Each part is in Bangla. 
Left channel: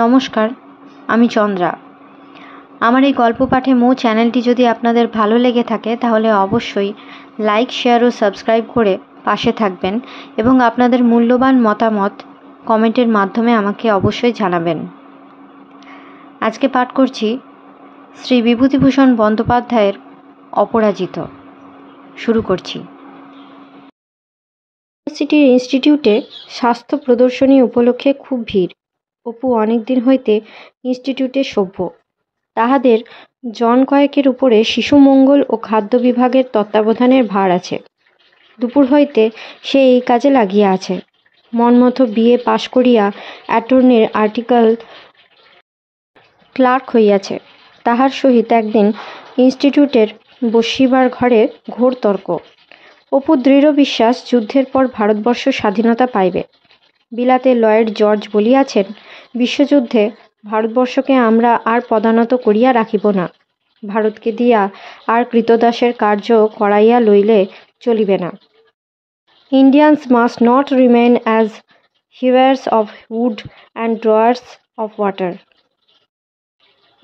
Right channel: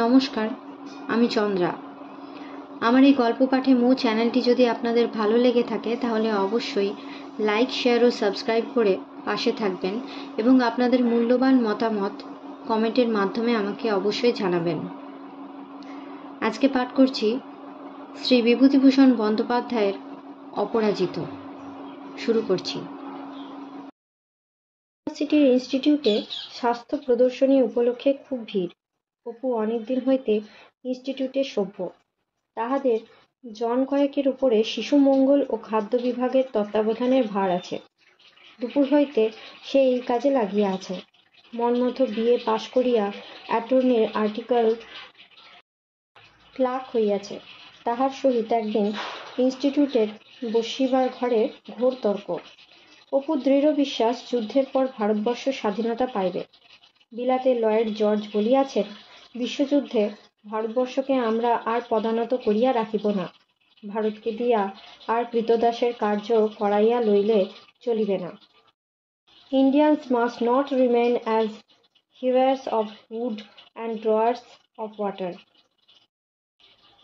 নমস্কার, আমি চন্দ্রা। আমার এই গল্প পাঠে মো চ্যানেলটি যদি আপনাদের ভালো লেগে থাকে তাহলে অবশ্যই লাইক, শেয়ার ও সাবস্ক্রাইব করে পাশে থাকবেন এবং আপনাদের মূল্যবান মতামত কমেন্টের মাধ্যমে আমাকে অবশ্যই জানাবেন। আজকে পাঠ করছি শ্রী বিভূতিভূষণ বন্দ্যোপাধ্যায়ের অপরাজিত। শুরু করছি। ইউনিভার্সিটির ইনস্টিটিউটে স্বাস্থ্য প্রদর্শনী উপলক্ষে খুব ভিড়। অপু অনেক দিন হইতে ইনস্টিটিউটে সভ্য। তাহাদের জন কয়েকের উপরে শিশু মঙ্গল ও খাদ্য বিভাগের তত্ত্বাবধানের ভার আছে। দুপুর হইতে সে এই কাজে লাগিয়া আছে। মনমতো বিএ পাশ করিয়া অ্যাটর্নির আর্টিকেল ক্লার্ক হইয়াছে। তাহার সহিত একদিন ইনস্টিটিউটের বসিবার ঘরে ঘোর তর্ক। অপুর দৃঢ় বিশ্বাস যুদ্ধের পর ভারতবর্ষ স্বাধীনতা পাইবে। বিলাতে লয়েড জর্জ বলিয়াছেন, বিশ্বযুদ্ধে ভারতবর্ষকে আমরা আর পদানত করিয়া রাখিব না। ভারতকে দিয়া আর কৃতদাসের কার্য করাইয়া লইলে চলিবে না। Indians must not remain as hewers of wood and drawers of water.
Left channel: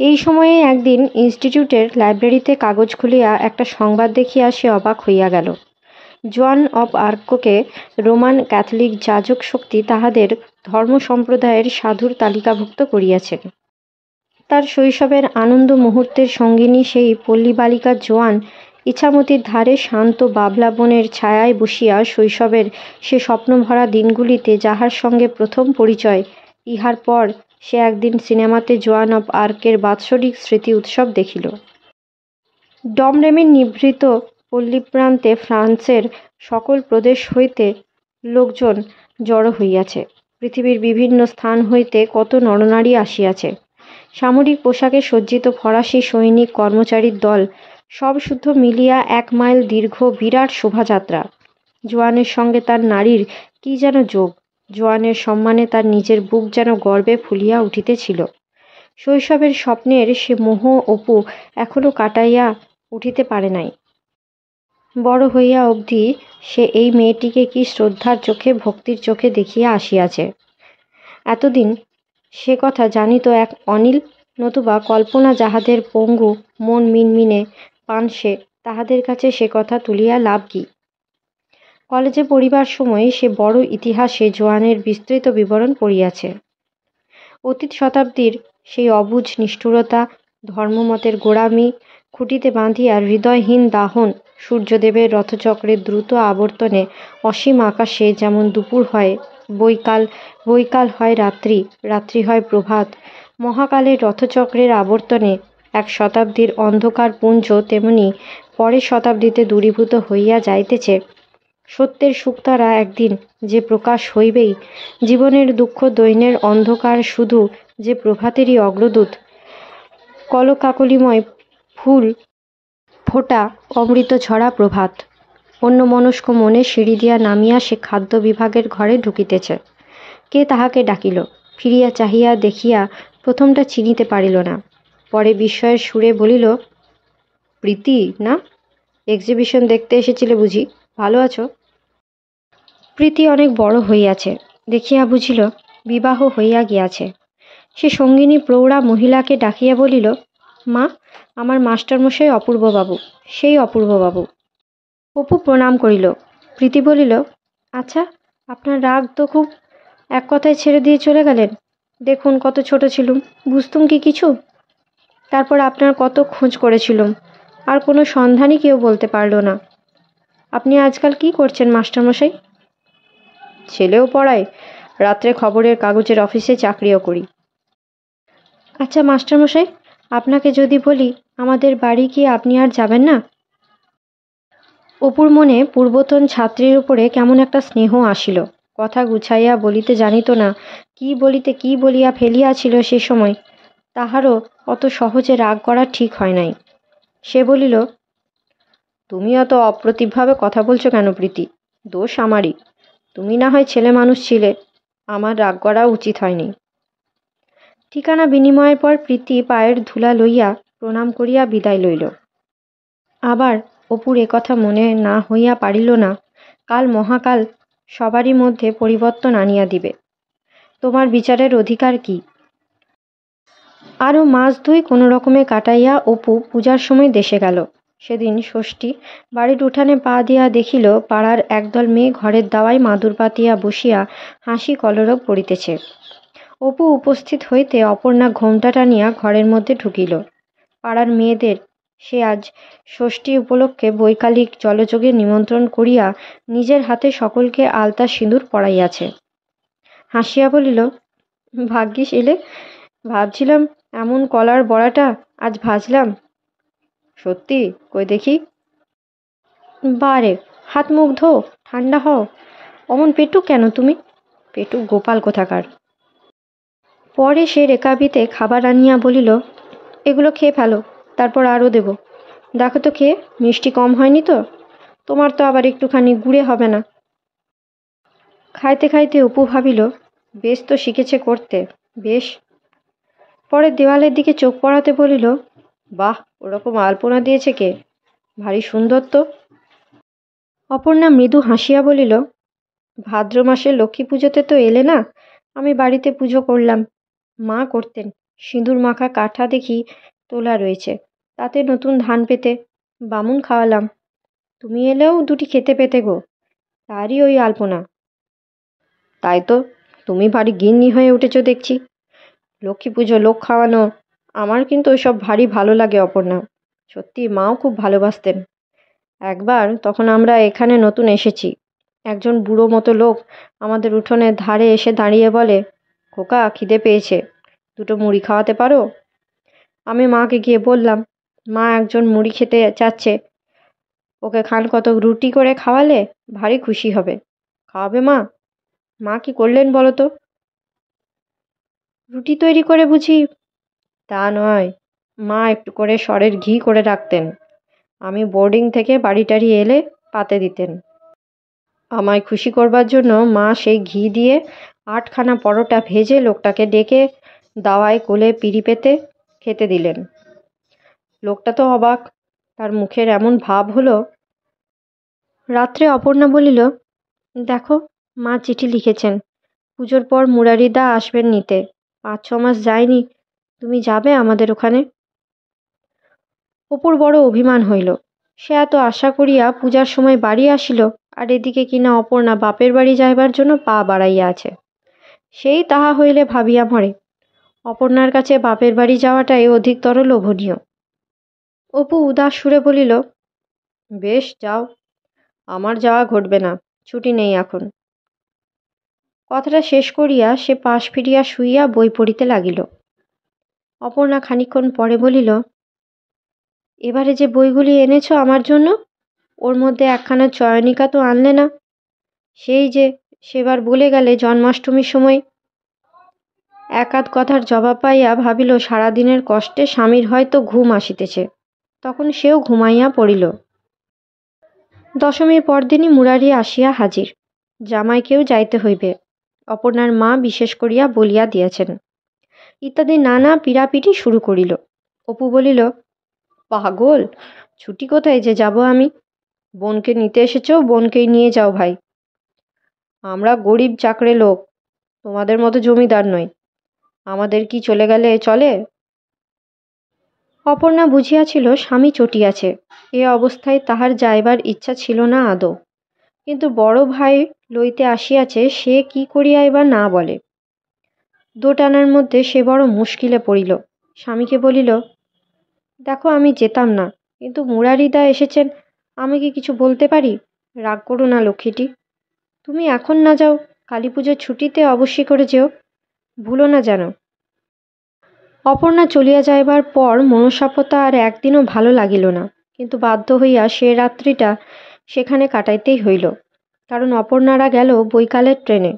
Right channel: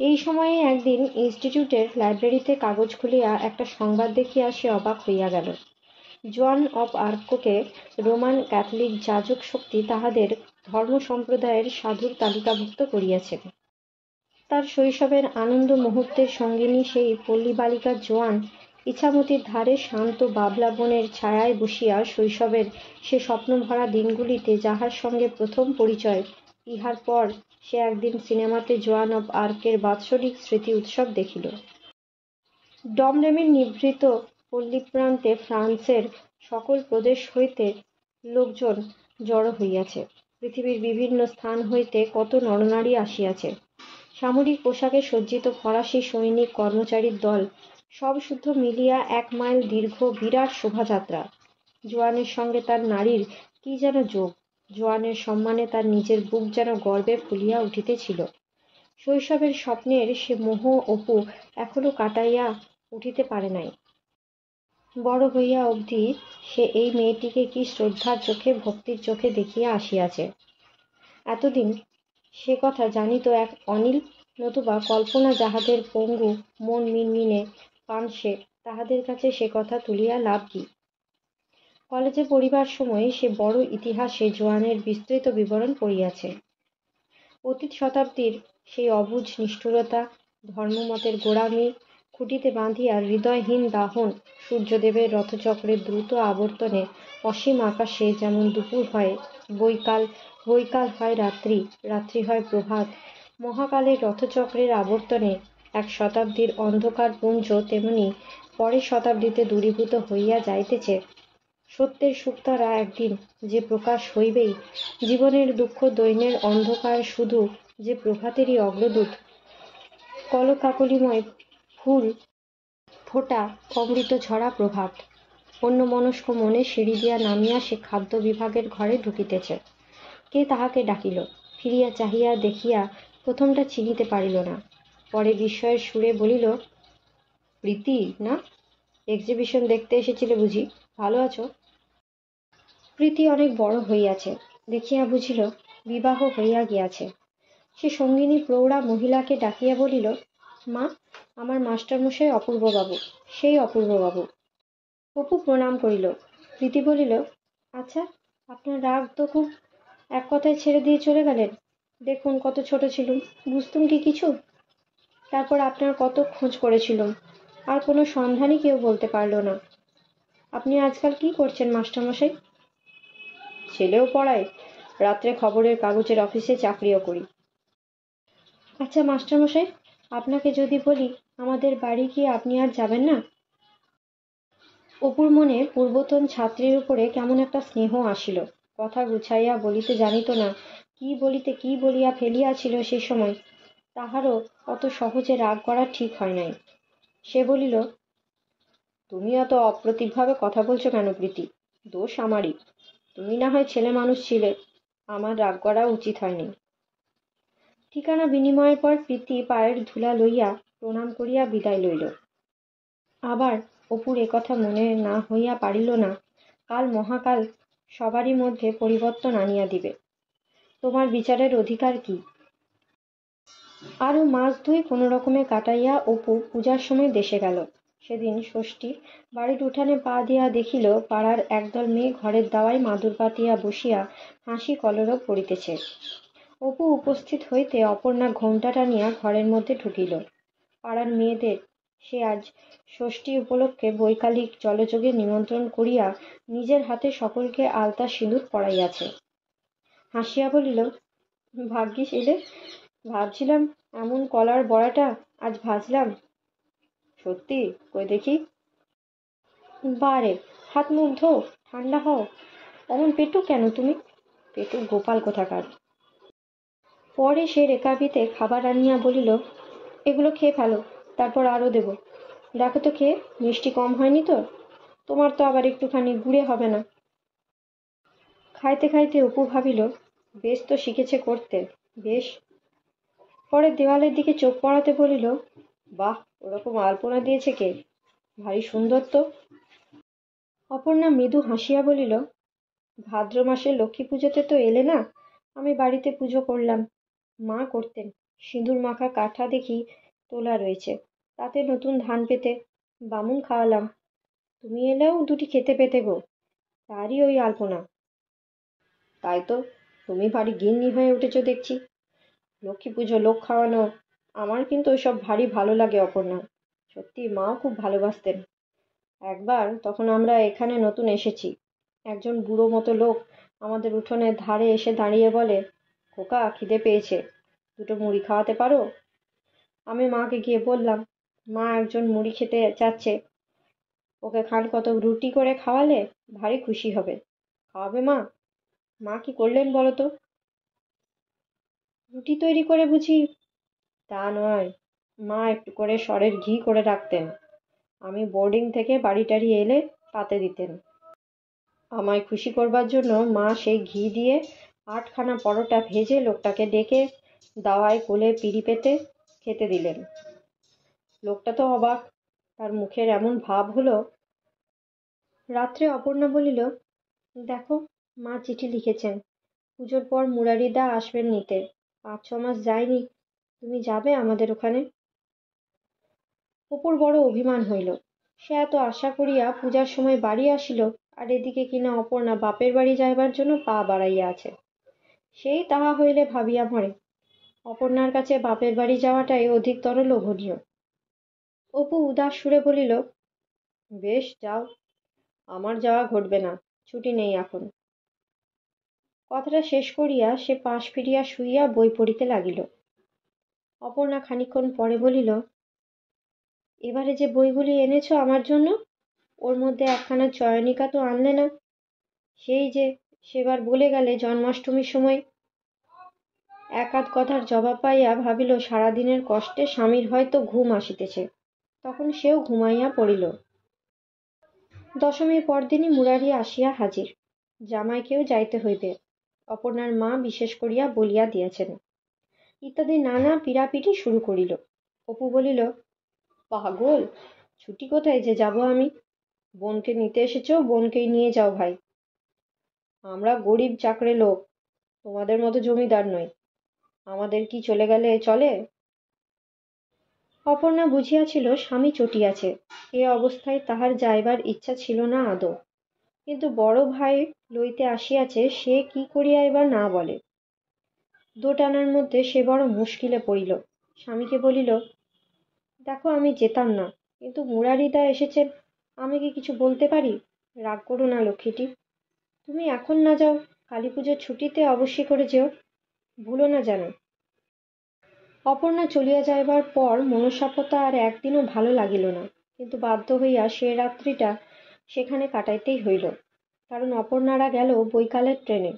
এই সময়ে একদিন ইনস্টিটিউটের লাইব্রেরিতে কাগজ খুলিয়া একটা সংবাদ দেখিয়া সে অবাক হইয়া গেল। জোয়ান অব আর্ককে রোমান ক্যাথলিক যাজক শক্তি তাহাদের ধর্ম সম্প্রদায়ের সাধুর তালিকাভুক্ত করিয়াছেন। তার শৈশবের আনন্দ মুহূর্তের সঙ্গিনী সেই পল্লী বালিকা জোয়ান ইছামতির ধারে শান্ত বাবলা বনের ছায়ায় বসিয়া শৈশবের সে স্বপ্নভরা দিনগুলিতে যাহার সঙ্গে প্রথম পরিচয়, ইহার পর সে একদিন সিনেমাতে জোয়ান অব আর্কের বাৎসরিক স্মৃতি উৎসব দেখিল। ডমরেমির নিভৃত পল্লীপ্রান্তে ফ্রান্সের সকল প্রদেশ হইতে লোকজন জড়ো হইয়াছে। পৃথিবীর বিভিন্ন স্থান হইতে কত নরনারী আসিয়াছে। সামরিক পোশাকে সজ্জিত ফরাসি সৈনিক কর্মচারীর দল, সব শুদ্ধ মিলিয়া 1 মাইল দীর্ঘ বিরাট শোভাযাত্রা। জোয়ানের সঙ্গে তার নারীর কি যেন যোগ। জোয়ানের সম্মানে তার নিজের বুক যেন গর্বে ফুলিয়া উঠিতেছিল। শৈশবের স্বপ্নের সে মোহ অপু এখনো কাটাইয়া উঠিতে পারে নাই। বড় হইয়া অবধি সে এই মেয়েটিকে কি শ্রদ্ধার চোখে, ভক্তির চোখে দেখিয়া আসিয়াছে। এতদিন সে কথা জানিত এক অনিল, নতুবা কল্পনা যাহাদের পঙ্গু মন মিনমিনে পানসে, তাহাদের কাছে সে কথা তুলিয়া লাভ কি? কলেজে পড়িবার সময় সে বড় ইতিহাসে জোয়ানের বিস্তৃত বিবরণ পড়িয়াছে। অতীত শতাব্দীর সেই অবুঝ নিষ্ঠুরতা, ধর্মমতের গোড়ামি খুঁটিতে বাঁধিয়া হৃদয়হীন দাহন, সূর্যদেবের রথচক্রের দ্রুত আবর্তনে অসীম আকাশে যেমন দুপুর হয় বৈকাল হয় রাত্রি, রাত্রি হয় প্রভাত, মহাকালের রথচক্রের আবর্তনে এক শতাব্দীর অন্ধকার পুঞ্জ তেমনি পরের শতাব্দীতে দূরীভূত হইয়া যাইতেছে। সত্যের শুকতারা একদিন যে প্রকাশ হইবেই, জীবনের দুঃখ দৈন্যের অন্ধকার শুধু যে প্রভাতেরই অগ্রদূত। কলকাকলিময় ফুল ফোটা অমৃত ঝরা প্রভাত। অন্যমনস্ক মনে সিঁড়ি দিয়া নামিয়া সে খাদ্য বিভাগের ঘরে ঢুকিতেছে। কে তাহাকে ডাকিল। ফিরিয়া চাহিয়া দেখিয়া প্রথমটা চিনিতে পারিল না। পরে বিস্ময়ের সুরে বলিল, প্রীতি না? এক্সিবিশন দেখতে এসেছিলে বুঝি? ভালো আছো? প্রীতি অনেক বড় হইয়াছে দেখিয়া বুঝিল বিবাহ হইয়া গিয়াছে। সে সঙ্গিনী প্রৌঢ়া মহিলাকে ডাকিয়া বলিল, মা, আমার মাস্টারমশাই অপূর্ববাবু, সেই অপূর্ববাবু। অপু প্রণাম করিল। প্রীতি বলিল, আচ্ছা, আপনার রাগ তো খুব, এক কথায় ছেড়ে দিয়ে চলে গেলেন। দেখুন কত ছোট ছিলুম, বুঝতুম কি কিছু? তারপর আপনার কত খোঁজ করেছিলুম, আর কোনো সন্ধানই কেউ বলতে পারল না। আপনি আজকাল কি করছেন মাস্টারমশাই? ছেলেও পড়ায়, রাত্রে খবরের কাগজের অফিসে চাকরিও করি। আচ্ছা মাস্টারমশাই, আপনাকে যদি বলি আমাদের বাড়ি কি আপনি আর যাবেন না? অপুর মনে পূর্বতন ছাত্রীর উপরে কেমন একটা স্নেহ আসিল। কথা গুছাইয়া বলিতে জানিত না, কি বলিয়া ফেলিয়াছিল সে সময়। তাহারও অত সহজে রাগ করা ঠিক হয় নাই। সে বলিল, তুমি অত অপ্রতিভভাবে কথা বলছো কেন প্রীতি? দোষ আমারই। তুমি না হয় ছেলে মানুষ ছিলে, আমার রাগ করা উচিত হয়নি। ঠিকানা বিনিময়ের পর প্রীতি পায়ের ধুলা লইয়া প্রণাম করিয়া বিদায় লইল। আবার অপুর কথা মনে না হইয়া পারিল না, কাল মহাকাল সবারই মধ্যে পরিবর্তন আনিয়া দিবে। তোমার বিচারের অধিকার কি? আরও মাস 2 কোনো রকমে কাটাইয়া অপু পূজার সময় দেশে গেল। সেদিন ষষ্ঠী। বাড়ির উঠানে পা দিয়া দেখিল পাড়ার একদল মেয়ে ঘরের দাওয়ায় মাদুর পাতিয়া বসিয়া হাসি কলরব করিতেছে। অপু উপস্থিত হইতে অপর্ণা ঘোমটা টানিয়া ঘরের মধ্যে ঢুকিল। পাড়ার মেয়েদের সে আজ ষষ্ঠী উপলক্ষে বৈকালিক জলযোগে নিমন্ত্রণ করিয়া নিজের হাতে সকলকে আলতা সিঁদুর পরাইয়াছে। হাসিয়া বলিল, ভাগ্যিস এলে, ভাবছিলাম এমন কলার বড়াটা আজ ভাজলাম। সত্যি? কই দেখি। বারে, হাত মুখ ধো, ঠান্ডা হও। অমন পেটুক কেন তুমি? পেটুক গোপাল কোথাকার। পরে সে রেকাবিতে খাবার আনিয়া বলিল, এগুলো খেয়ে ফেলো, তারপর আরও দেব। দেখো তো খেয়ে, মিষ্টি কম হয়নি তো? তোমার তো আবার একটুখানি গুড়ে হবে না? খাইতে খাইতে অপু ভাবিল, বেশ তো শিখেছে করতে, বেশ। পরে দেওয়ালের দিকে চোখ পড়াতে বলিল, বাহ, ওরকম আলপনা দিয়েছে কে? ভারী সুন্দর তো। অপর্ণা মৃদু হাসিয়া বলিল, ভাদ্র মাসের লক্ষ্মী পুজোতে তো এলে না, আমি বাড়িতে পুজো করলাম। মা করতেন। সিঁদুর মাখা কাঠা দেখি তোলা রয়েছে, তাতে নতুন ধান পেতে বামুন খাওয়ালাম। তুমি এলেও দুটি খেতে পেতে গো, তারই ওই আলপনা। তাই তো, তুমি ভারী গিন্নি হয়ে উঠেছ দেখছি। লক্ষ্মী পুজো, লোক খাওয়ানো, আমার কিন্তু ওইসব ভারী ভালো লাগে অপর্ণা। সত্যি মাও খুব ভালোবাসতেন। একবার তখন আমরা এখানে নতুন এসেছি, একজন বুড়ো মতো লোক আমাদের উঠোনের ধারে এসে দাঁড়িয়ে বলে, খোকা খিদে পেয়েছে, দুটো মুড়ি খাওয়াতে পারো? আমি মাকে গিয়ে বললাম, মা একজন মুড়ি খেতে চাচ্ছে, ওকে খান কত রুটি করে খাওয়ালে ভারী খুশি হবে। খাওয়াবে মা? মা কি করলেন বলো তো? রুটি তৈরি করে বুঝি? তা নয়, মা একটু করে সরের ঘি করে রাখতেন। আমি বোর্ডিং থেকে বাড়ি টাড়ি এলে পাতে দিতেন। আমায় খুশি করবার জন্য মা সেই ঘি দিয়ে 8খানা পরোটা ভেজে লোকটাকে ডেকে দাওয়ায় কোলে পিঁড়ি পেতে খেতে দিলেন। লোকটা তো অবাক, তার মুখের এমন ভাব হলো। রাত্রে অপর্ণা বলিল, দেখো, মা চিঠি লিখেছেন, পুজোর পর মুরারিদা আসবেন নিতে। 5-6 মাস যায়নি, তুমি যাবে আমাদের ওখানে? অপুর বড় অভিমান হইল। সে এত আশা করিয়া পূজার সময় বাড়ি আসিল, আর এদিকে কিনা অপর্ণা বাপের বাড়ি যাইবার জন্য পা বাড়াইয়া আছে। সেই তাহা হইলে ভাবিয়া মরে। অপর্ণার কাছে বাপের বাড়ি যাওয়াটাই অধিকতর লোভনীয়। অপু উদাস সুরে বলিল, বেশ যাও, আমার যাওয়া ঘটবে না, ছুটি নেই এখন। কথাটা শেষ করিয়া সে পাশ ফিরিয়া শুইয়া বই পড়িতে লাগিল। অপর্ণা খানিকক্ষণ পরে বলিল, এবারে যে বইগুলি এনেছ আমার জন্য, ওর মধ্যে একখানা চয়নিকা তো আনলে না? সেই যে সেবার বলে গেলে জন্মাষ্টমীর সময়। এক আধ কথার জবাব পাইয়া ভাবিল সারাদিনের কষ্টে স্বামীর হয়তো ঘুম আসিতেছে, তখন সেও ঘুমাইয়া পড়িল। দশমীর পরদিনই মুরারি আসিয়া হাজির। জামাইকেও যাইতে হইবে, অপর্ণার মা বিশেষ করিয়া বলিয়া দিয়াছেন। ইত্যাদি নানা পিড়াপিড়ি শুরু করিল। অপু বলিল, পাগল, ছুটি কোথায় যে যাব আমি? বোনকে নিতে এসেছ, বোনকেই নিয়ে যাও ভাই। আমরা গরিব চাকরে লোক, তোমাদের মতো জমিদার নই, আমাদের কি চলে গেলে চলে? অপর্ণা বুঝিয়াছিল স্বামী চটিয়াছে, এ অবস্থায় তাহার যাইবার ইচ্ছা ছিল না আদৌ। কিন্তু বড় ভাই লইতে আসিয়াছে, সে কি করিয়াই বা না বলে। দোটানার মধ্যে সে বড় মুশকিলে পড়িল। স্বামীকে বলিল, দেখো আমি যেতাম না, কিন্তু মুরারিদা এসেছেন, আমি কি কিছু বলতে পারি? রাগ করো না লক্ষ্মীটি, তুমি এখন না যাও, কালী পুজোর ছুটিতে অবশ্যই করে যেও, ভুলো না যেন। অপর্ণা চলিয়া যাইবার পর মনসাপতা আর একদিনও ভালো লাগিল না, কিন্তু বাধ্য হইয়া সে রাত্রিটা সেখানে কাটাইতেই হইল, কারণ অপর্ণারা গেল বৈকালের ট্রেনে।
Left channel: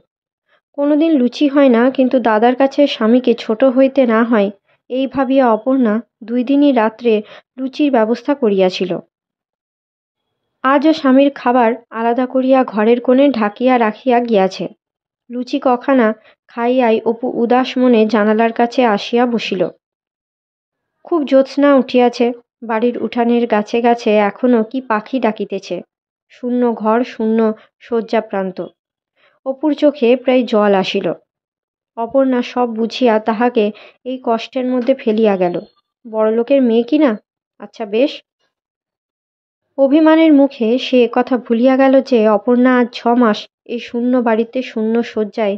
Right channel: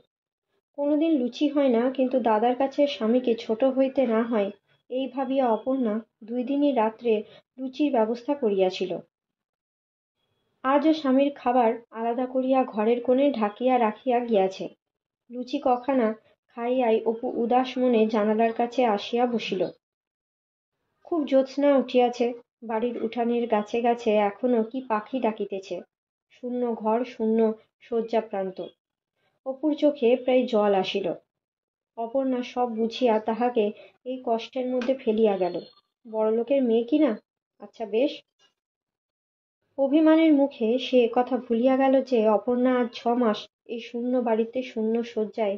কোনোদিন লুচি হয় না, কিন্তু দাদার কাছে স্বামীকে ছোট হইতে না হয় এই ভাবিয়া অপর্ণা 2 দিনই রাত্রে লুচির ব্যবস্থা করিয়াছিল। আজও স্বামীর খাবার আলাদা করিয়া ঘরের কোণে ঢাকিয়া রাখিয়া গিয়াছে। লুচি কখানা খাইয়াই অপু উদাস মনে জানালার কাছে আসিয়া বসিল। খুব জ্যোৎস্না উঠিয়াছে, বাড়ির উঠানের গাছে গাছে এখনো কি পাখি ডাকিতেছে। শূন্য ঘর, শূন্য শয্যা প্রান্ত। অপুর চোখে প্রায় জল আসিল। অপর্ণা সব বুঝিয়া তাহাকে এই কষ্টের মধ্যে ফেলিয়া গেল। বড়লোকের মেয়ে কি না? আচ্ছা বেশ। অভিমানের মুখে সে একথা ভুলিয়া গেল যে অপর্ণা আজ 6 মাস এই শূন্য বাড়িতে শূন্য শয্যায়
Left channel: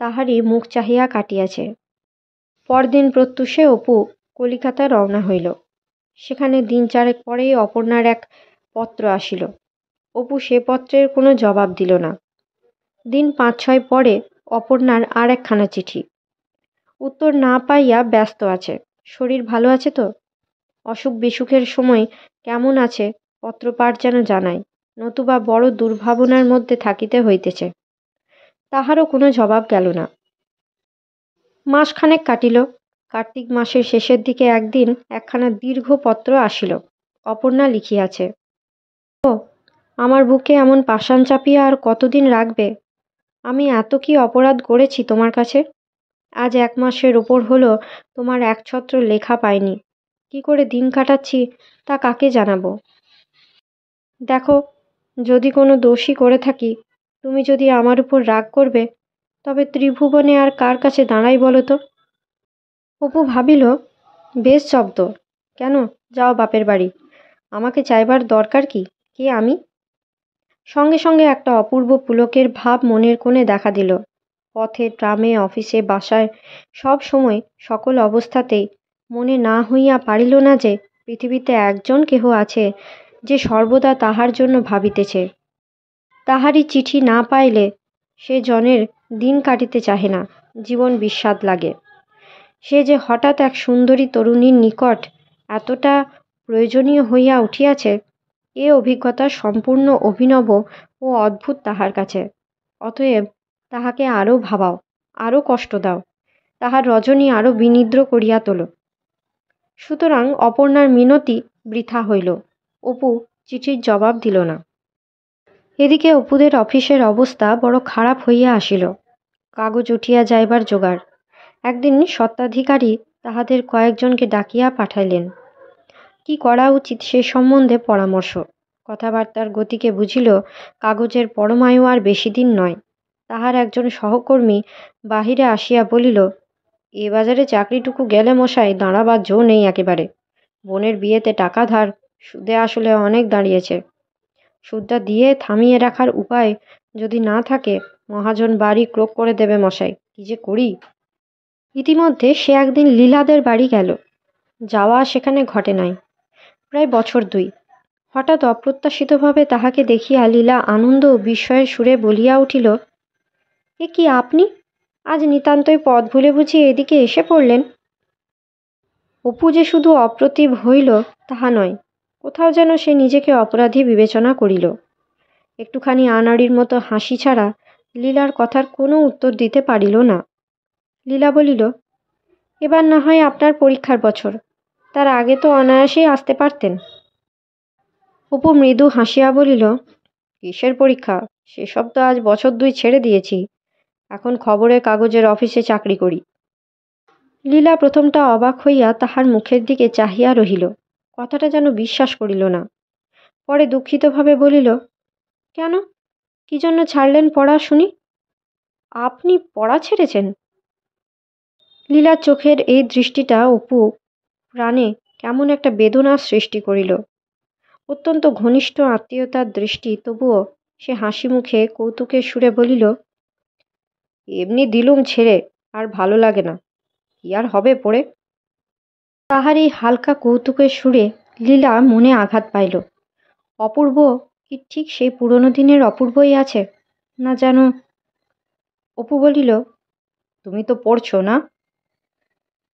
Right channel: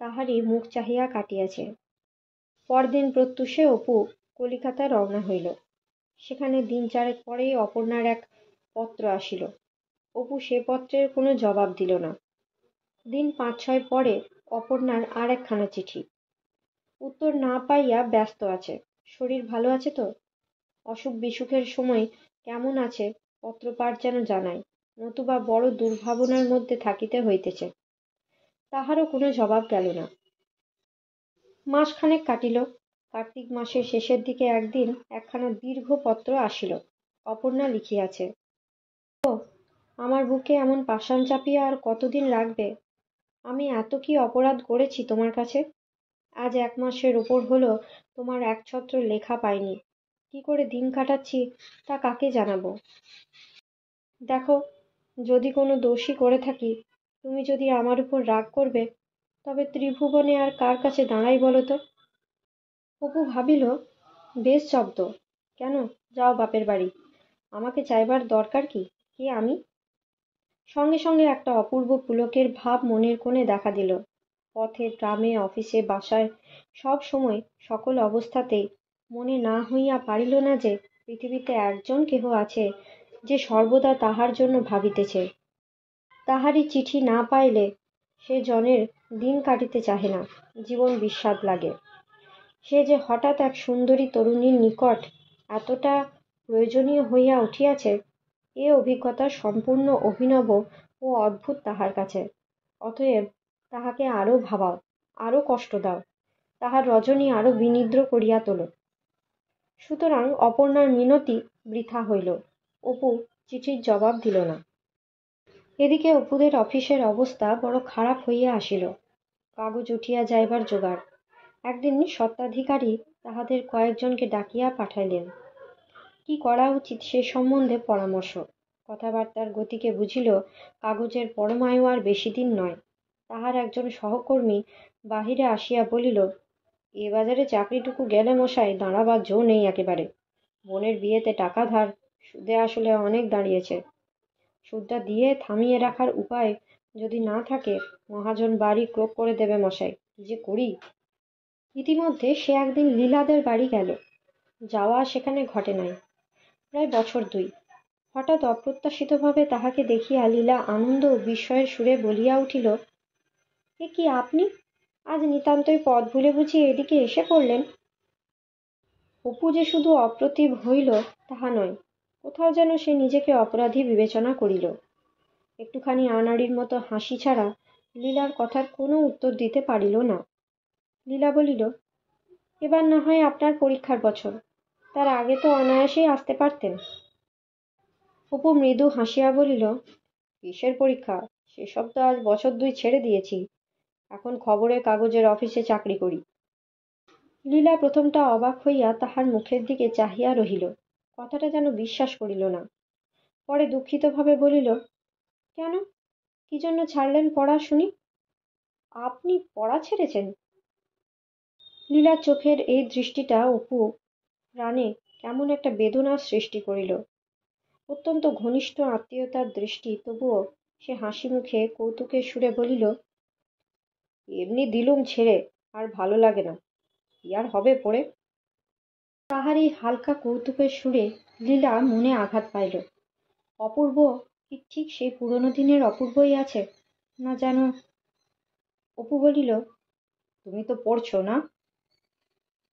তাহারই মুখ চাহিয়া কাটিয়াছে। পরদিন প্রত্যুষে অপু কলিকাতা রওনা হইল। সেখানে দিন 4 পরেই অপর্ণার এক পত্র আসিল। অপু সে পত্রের কোনো জবাব দিল না। দিন 5-6 পরে অপর্ণার আর একখানা চিঠি। উত্তর না পাইয়া ব্যস্ত আছে। শরীর ভালো আছে তো? অসুখ বিসুখের সময় কেমন আছে পত্রপাঠ যেন জানায়, নতুবা বড় দুর্ভাবনার মধ্যে থাকিতে হইতেছে। তাহারও কোনো জবাব গেল না। মাসখানেক কাটিল। কার্তিক মাসের শেষের দিকে একদিন একখানা দীর্ঘ পত্র আসিল। অপর্ণা লিখিয়াছে, ও আমার বুকে এমন পাষাণ চাপিয়া আর কতদিন রাখবে? আমি এত কি অপরাধ করেছি তোমার কাছে? আজ 1 মাসের ওপর হলো তোমার একছত্র লেখা পাইনি। কি করে দিন কাটাচ্ছি তা কাকে জানাবো? দেখো, যদি কোনো দোষই করে থাকি, তুমি যদি আমার উপর রাগ করবে, তবে ত্রিভুবনে আর কার কাছে দাঁড়াই বলো তো? অপু ভাবিল, বেশ শব্দ। কেন, যাও বাপের বাড়ি। আমাকে চাইবার দরকার কি? কে আমি? সঙ্গে সঙ্গে একটা অপূর্ব পুলকের ভাব মনের কোণে দেখা দিল। পথে, ট্রামে, অফিসে, বাসায়, সব সময় সকল অবস্থাতেই মনে না হইয়া পারিল না যে পৃথিবীতে একজন কেহ আছে যে সর্বদা তাহার জন্য ভাবিতেছে। তাহারই চিঠি না পাইলে সে জনের দিন কাটিতে চাহে না, জীবন বিস্বাদ লাগে। সে যে হঠাৎ এক সুন্দরী তরুণীর নিকট এতটা প্রয়োজনীয় হইয়া উঠিয়াছে, এ অভিজ্ঞতা সম্পূর্ণ অভিনব ও অদ্ভুত তাহার কাছে। অতএব তাহাকে আরও ভাবাও, আরও কষ্ট দাও, তাহার রজনী আরও বিনিদ্র করিয়া তোলো। সুতরাং অপর্ণার মিনতি বৃথা হইল। অপু চিঠির জবাব দিল না। এদিকে অপুদের অফিসের অবস্থা বড় খারাপ হইয়া আসিল। কাগজ উঠিয়া যাইবার জোগাড়। একদিন স্বত্বাধিকারী তাহাদের কয়েকজনকে ডাকিয়া পাঠাইলেন। কি করা উচিত সে সম্বন্ধে পরামর্শ। কথাবার্তার গতিকে বুঝিল কাগজের পরমায়ু আর বেশি দিন নয়। তাহার একজন সহকর্মী বাহিরে আসিয়া বলিল, এ বাজারে চাকরিটুকু গেলে মশাই দাঁড়াবার জো নেই একেবারে। বোনের বিয়েতে টাকা ধার, সুদে আসলে অনেক দাঁড়িয়েছে। সুদটা দিয়ে থামিয়ে রাখার উপায় যদি না থাকে, মহাজন বাড়ি ক্রোক করে দেবে মশাই। কি যে করি! ইতিমধ্যে সে একদিন লীলাদের বাড়ি গেল। যাওয়া সেখানে ঘটে নাই প্রায় বছর 2। হঠাৎ অপ্রত্যাশিতভাবে তাহাকে দেখিয়া লীলা আনন্দ ও বিস্ময়ের সুরে বলিয়া উঠিল, এ কি আপনি? আজ নিতান্তই পথ ভুলে বুঝি এদিকে এসে পড়লেন? অপু যে শুধু অপ্রতিভ হইল তাহা নয়, কোথাও যেন সে নিজেকে অপরাধী বিবেচনা করিল। একটুখানি আনাড়ির মতো হাসি ছাড়া লীলার কথার কোনো উত্তর দিতে পারিল না। লীলা বলিল, এবার না হয় আপনার পরীক্ষার বছর, তার আগে তো অনায়াসেই আসতে পারতেন। অপু মৃদু হাসিয়া বলিল, কিসের পরীক্ষা? সেসব তো আজ বছর 2 ছেড়ে দিয়েছি। এখন খবরের কাগজের অফিসে চাকরি করি। লীলা প্রথমটা অবাক হইয়া তাহার মুখের দিকে চাহিয়া রহিল। কথাটা যেন বিশ্বাস করিল না। পরে দুঃখিতভাবে বলিল, কেন, কি জন্য ছাড়লেন পড়া শুনি? আপনি পড়া ছেড়েছেন? লীলার চোখের এই দৃষ্টিটা অপু প্রাণে কেমন একটা বেদনার সৃষ্টি করিল। অত্যন্ত ঘনিষ্ঠ আত্মীয়তার দৃষ্টি, তবুও সে হাসি মুখে কৌতুকের সুরে বলিল, এমনি দিলুম ছেড়ে, আর ভালো লাগে না। কি আর হবে পড়ে? তাহার এই হালকা কৌতুকের সুরে লীলা মনে আঘাত পাইল। অপূর্ব কি ঠিক সেই পুরনো দিনের অপূর্বই আছে, না যেন? অপু বলিল, তুমি তো পড়ছো না?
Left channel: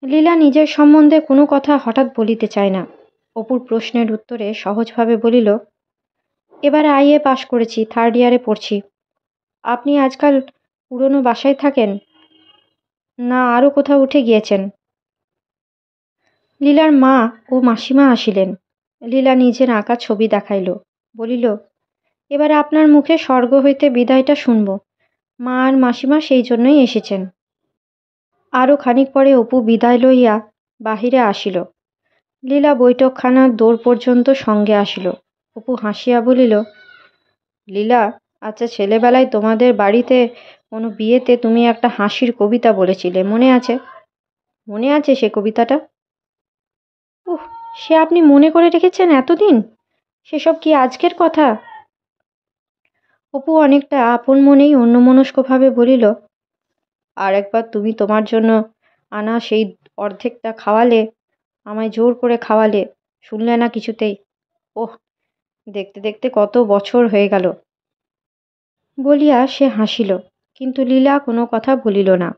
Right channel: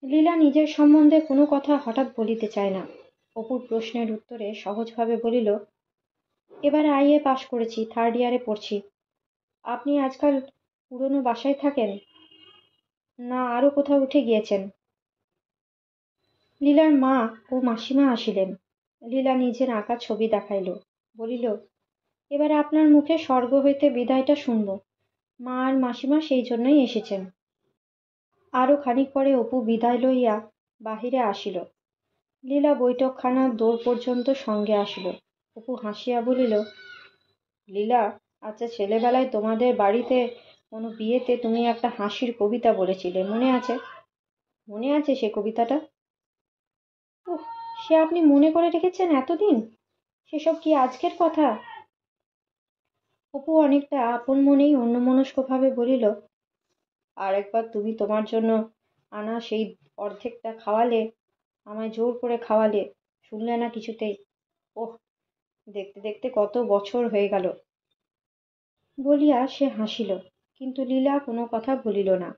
লীলা নিজের সম্বন্ধে কোনো কথা হঠাৎ বলিতে চায় না। অপুর প্রশ্নের উত্তরে সহজভাবে বলিল, এবার আইএ পাশ করেছি, 3rd ইয়ারে পড়ছি। আপনি আজকাল পুরনো বাসায় থাকেন, না আরও কোথাও উঠে গিয়েছেন? লীলার মা ও মাসিমা আসিলেন। লীলা নিজের আঁকা ছবি দেখাইল, বলিল, এবার আপনার মুখে স্বর্গ হইতে বিদায়টা শুনব। মা আর মাসিমা সেই জন্যই এসেছেন। আরও খানিক পরে অপু বিদায় লইয়া বাহিরে আসিল। লীলা বৈঠকখানার দোর পর্যন্ত সঙ্গে আসিল। অপু হাসিয়া বলিল, লীলা, আচ্ছা ছেলেবেলায় তোমাদের বাড়িতে কোনো বিয়েতে তুমি একটা হাসির কবিতা বলেছিলে, মনে আছে? মনে আছে সে কবিতাটা? উহ, সে আপনি মনে করে রেখেছেন এতদিন? সেসব কি আজকের কথা? অপু অনেকটা আপন মনেই অন্যমনস্কভাবে বলিল, আর একবার তুমি তোমার জন্য আনা সেই অর্ধেকটা খাওয়ালে, আমায় জোর করে খাওয়ালে, শুনলে না কিছুতেই। ওহ, দেখতে দেখতে কত বছর হয়ে গেল। বলিয়া সে হাসিল, কিন্তু লীলা কোনো কথা বলিল না।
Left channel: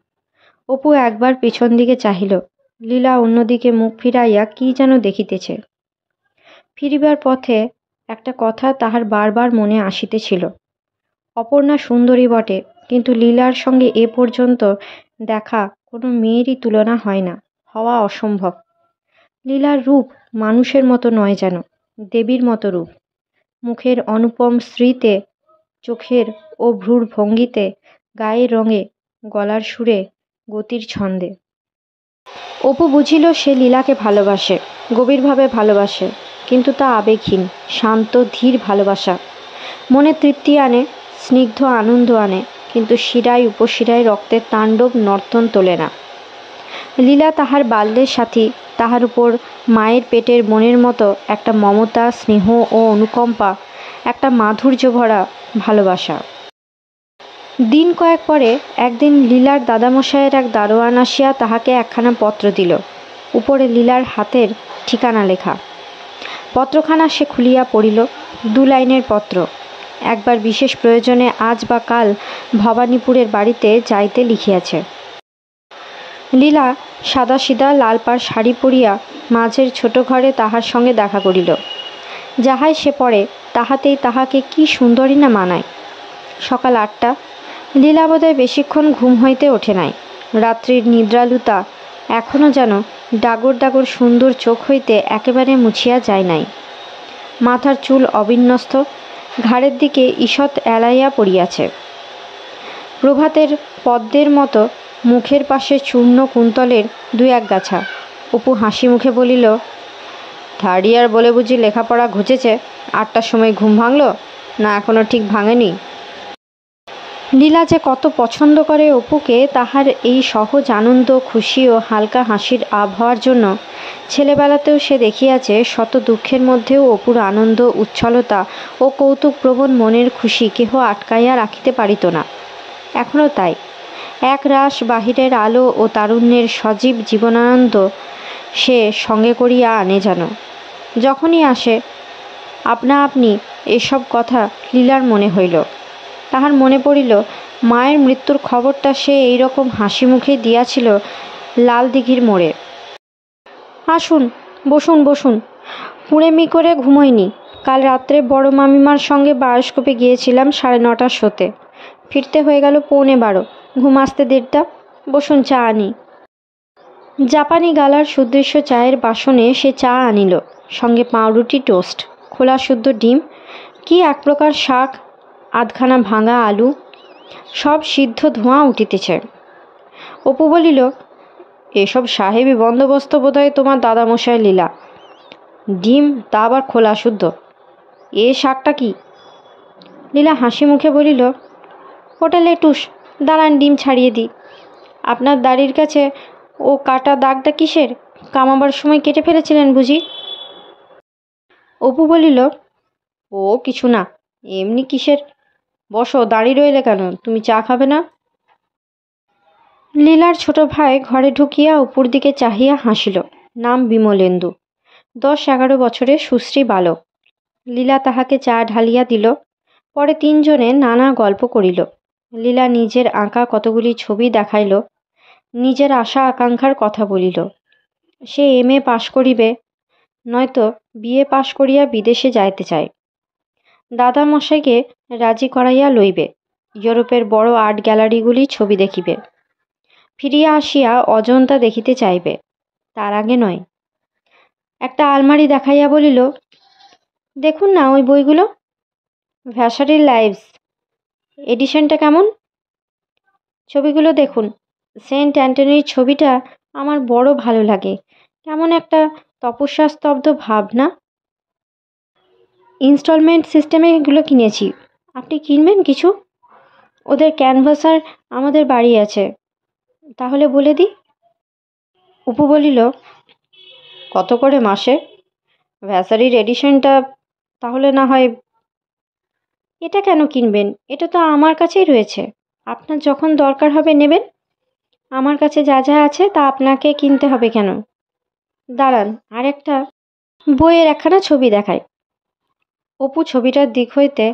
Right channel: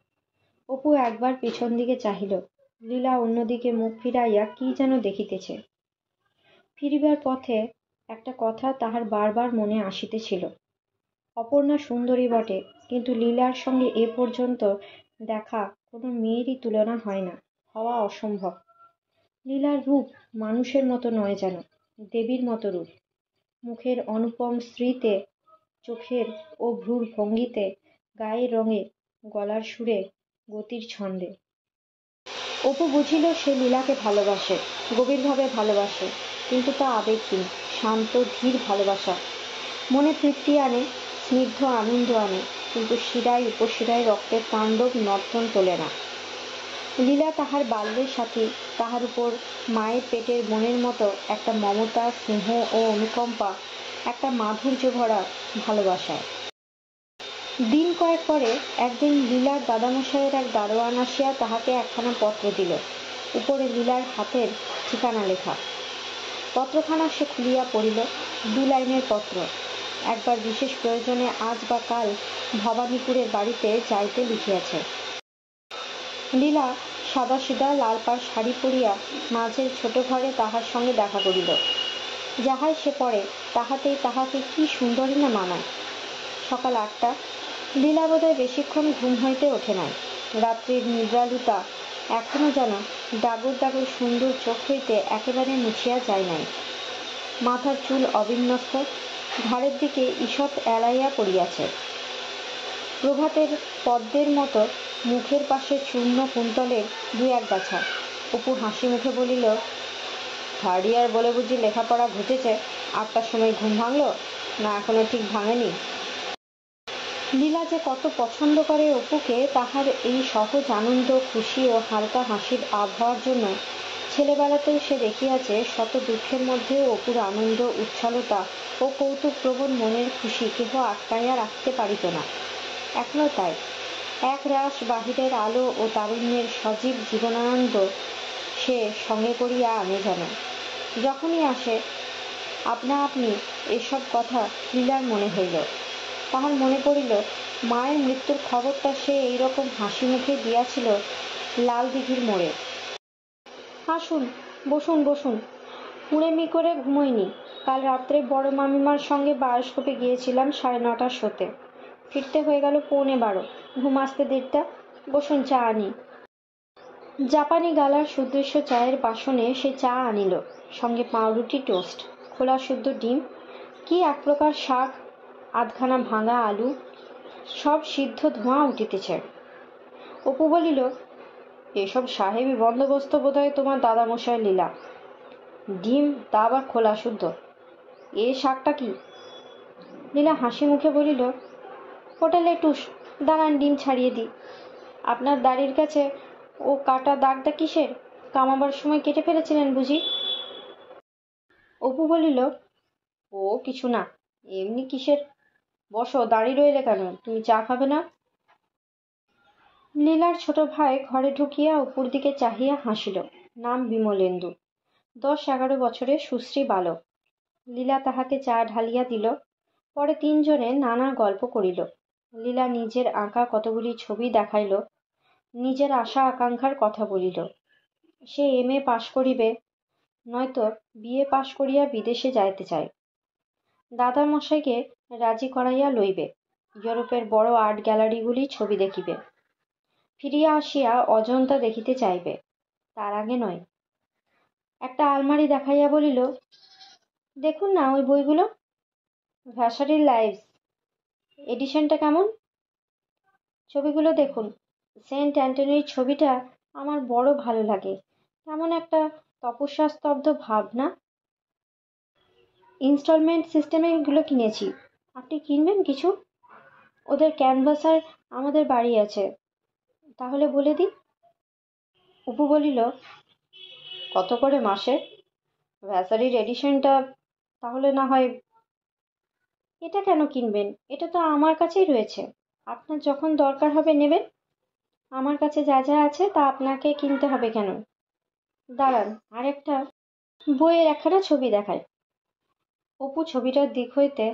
অপু একবার পিছন দিকে চাহিল। লীলা অন্যদিকে মুখ ফিরাইয়া কি যেন দেখিতেছে। ফিরিবার পথে একটা কথা তাহার বারবার মনে আসিতেছিল। অপর্ণা সুন্দরী বটে, কিন্তু লীলার সঙ্গে এ পর্যন্ত দেখা কোনো মেয়েরই তুলনা হয় না, হওয়া অসম্ভব। লীলার রূপ মানুষের মতো নয় যেন, দেবীর মতো রূপ। মুখের অনুপম শ্রীতে, চোখের ও ভ্রুর ভঙ্গিতে, গায়ের রঙে, গলার সুরে, গতির ছন্দে। অপু বুঝিল সে লীলাকে ভালোবাসে, গভীরভাবে ভালোবাসে, কিন্তু তা আবেগহীন, শান্ত, ধীর ভালোবাসা। মনে তৃপ্তি আনে, স্নিগ্ধ আনন্দ আনে, কিন্তু শিরায় উপশিরায় রক্তের তাণ্ডব নর্তন তোলে না। লীলা তাহার বাল্যের সাথী, তাহার উপর মায়ের পেটের বোনের মতো একটা মমতা, স্নেহ ও অনুকম্পা, একটা মাধুর্য ভরা ভালোবাসা। দিন কয়েক পরে একদিন লীলার দাদামশায়ের এক দারোয়ান আসিয়া তাহাকে একখানা পত্র দিল। উপরে লীলার হাতের ঠিকানা লেখা। পত্রখানা সে খুলিয়া পড়িল। 2 লাইনের পত্র। একবার বিশেষ প্রয়োজনে আজ বা কাল ভবানীপুরের বাড়িতে যাইতে লিখিয়াছে। লীলা সাদাসিধা লাল পাড় শাড়ি পরিয়া মাঝের ছোট ঘরে তাহার সঙ্গে দেখা করিল। যাহাই সে পড়ে তাহাতেই তাহাকে কি সুন্দরী না মানায়। সকাল 8টা। লীলা বোধহয় বেশিক্ষণ ঘুম হইতে ওঠে নাই। রাত্রির নিদ্রালুতা এখনও যেন ডাগর ডাগর সুন্দর চোখ হইতে একেবারে মুছিয়া যায় নাই। মাথার চুল অবিন্যস্ত, ঘাড়ের দিকে ঈষৎ এলাইয়া পড়িয়াছে। প্রভাতের পদ্মের মতো মুখের পাশে চূর্ণ কুন্তলের 2-1 গাছা। অপু হাসি মুখে বলিল, থার্ড ইয়ার বলে বুঝি লেখাপড়া ঘুচেছে? 8টার সময় ঘুম ভাঙল, না এখনো ঠিক ভাঙেনি? লীলা যে কত পছন্দ করে অপুকে, তাহার এই সহজ আনন্দ, খুশি ও হালকা হাসির আবহাওয়ার জন্য ছেলেবেলাতেও সে দেখিয়াছে। শত দুঃখের মধ্যেও অপুর আনন্দ, উচ্ছলতা ও কৌতুকপ্রবণ মনের খুশি কেহ আটকাইয়া রাখিতে পারিত না। এখনও তাই। এক রাশ বাহিরের আলো ও তারুণ্যের সজীব জীবনানন্দ সে সঙ্গে করিয়া আনে যেন। যখনই আসে আপনা আপনি এসব কথা লীলার মনে হইল। তাহার মনে পড়িল মায়ের মৃত্যুর খবরটা সে এইরকম হাসি মুখে দিয়াছিল লালদিঘির মোড়ে। আসুন, বসুন বসুন। হুড়েমি করে ঘুমোইনি। কাল রাত্রে বড় মামিমার সঙ্গে বায়োস্কোপে গিয়েছিলাম 9:30টার শোতে। ফিরতে হয়ে গেল 11:45। ঘুম আসতে 1:30। বসুন, চা আনি। জাপানি গালার সুদৃশ্য চায়ের বাসনে সে চা আনিল, সঙ্গে পাউরুটি, টোস্ট, খোলা শুদ্ধ ডিম, কি এক প্রকার শাক, আধখানা ভাঙা আলু, সব সিদ্ধ ধোঁয়া উঠিতেছে। অপু বলিল, এসব সাহেবি বন্দোবস্ত বোধহয় তোমার দাদামশাই লীলা। ডিম, তা আবার খোলা শুদ্ধ। এ শাকটা কি? লীলা হাসি মুখে বলিল, ওটা লেটুস। দাঁড়ান, ডিম ছাড়িয়ে দিই। আপনার দাড়ির কাছে ও কাটা দাগটা কিসের? কামাবার সময় কেটে ফেলেছিলেন বুঝি? অপু বলিল, ও কিছু না, এমনি। কিসের? বসো, দাঁড়িয়ে রইলে কেন? তুমি চা খাবে না? লীলার ছোট ভাই ঘরে ঢুকিয়া অপুর দিকে চাহিয়া হাসিল। নাম বিমলেন্দু। 10-11 বছরের সুশ্রী বালক। লীলা তাহাকে চা ঢালিয়া দিল। পরে 3 জনে নানা গল্প করিল। লীলা নিজের আঁকা কতগুলি ছবি দেখাইল, নিজের আশা আকাঙ্ক্ষার কথা বলিল। সে MA পাশ করিবে, নয়তো BA পাশ করিয়া বিদেশে যাইতে চায়। দাদামশাইকে রাজি করাইয়া লইবে। ইউরোপের বড় আর্ট গ্যালারিগুলি ছবি দেখিবে। ফিরিয়া আসিয়া অজন্তা দেখিতে চাইবে, তার আগে নয়। একটা আলমারি দেখাইয়া বলিল, দেখুন না ওই বইগুলো। ভ্যাসারির লাইভস এডিশনটা কেমন? ছবিগুলো দেখুন। সেন্ট অ্যান্টনির ছবিটা আমার বড় ভালো লাগে। কেমন একটা তপস্যাস্তব্ধ ভাব না? ইনস্টলমেন্ট সিস্টেমে এগুলো কিনেছি। আপনি কিনবেন কিছু? ওদের ক্যানভাসার আমাদের বাড়ি আছে, তাহলে বলে দিই। অপু বলিল, কত করে মাসে? ভ্যাসারির এডিশনটা তাহলে না হয়। এটা কেন কিনবেন? এটা তো আমার কাছেই রয়েছে। আপনার যখন দরকার হবে নেবেন। আমার কাছে যা যা আছে তা আপনাকে কিনতে হবে কেন? দাঁড়ান, আর একটা বইয়ের একখানা ছবি দেখায়। অপু ছবিটার দিক হইতে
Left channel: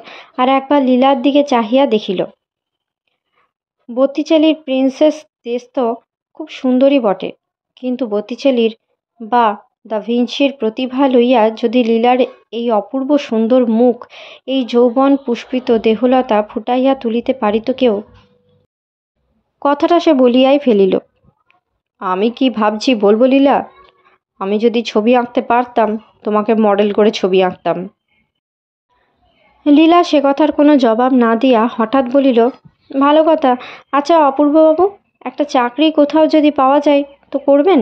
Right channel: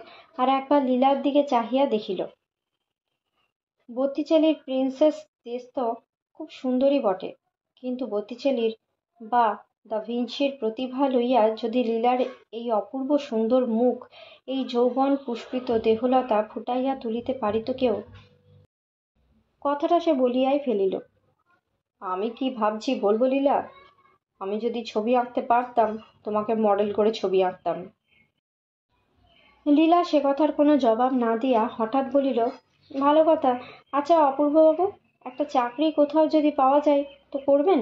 আর একবার লীলার দিকে চাহিয়া দেখিল। বত্তিচেলির প্রিন্সেস দেশ তো খুব সুন্দরী বটে, কিন্তু বত্তিচেলির বা দা ভিঞ্চির প্রতিভা লইয়া যদি লীলার এই অপূর্ব সুন্দর মুখ, এই যৌবন পুষ্পিত দেহলতা ফুটাইয়া তুলিতে পারিত কেউ? কথাটা সে বলিয়াই ফেলিল। আমি কি ভাবছি বলবো লীলা? আমি যদি ছবি আঁকতে পারতাম, তোমাকে মডেল করে ছবি আঁকতাম। লীলা সে কথার কোনো জবাব না দিয়া হঠাৎ বলিল, ভালো কথা। আচ্ছা অপূর্ববাবু, একটা চাকরি কোথাও যদি পাওয়া যায় তো করবেন?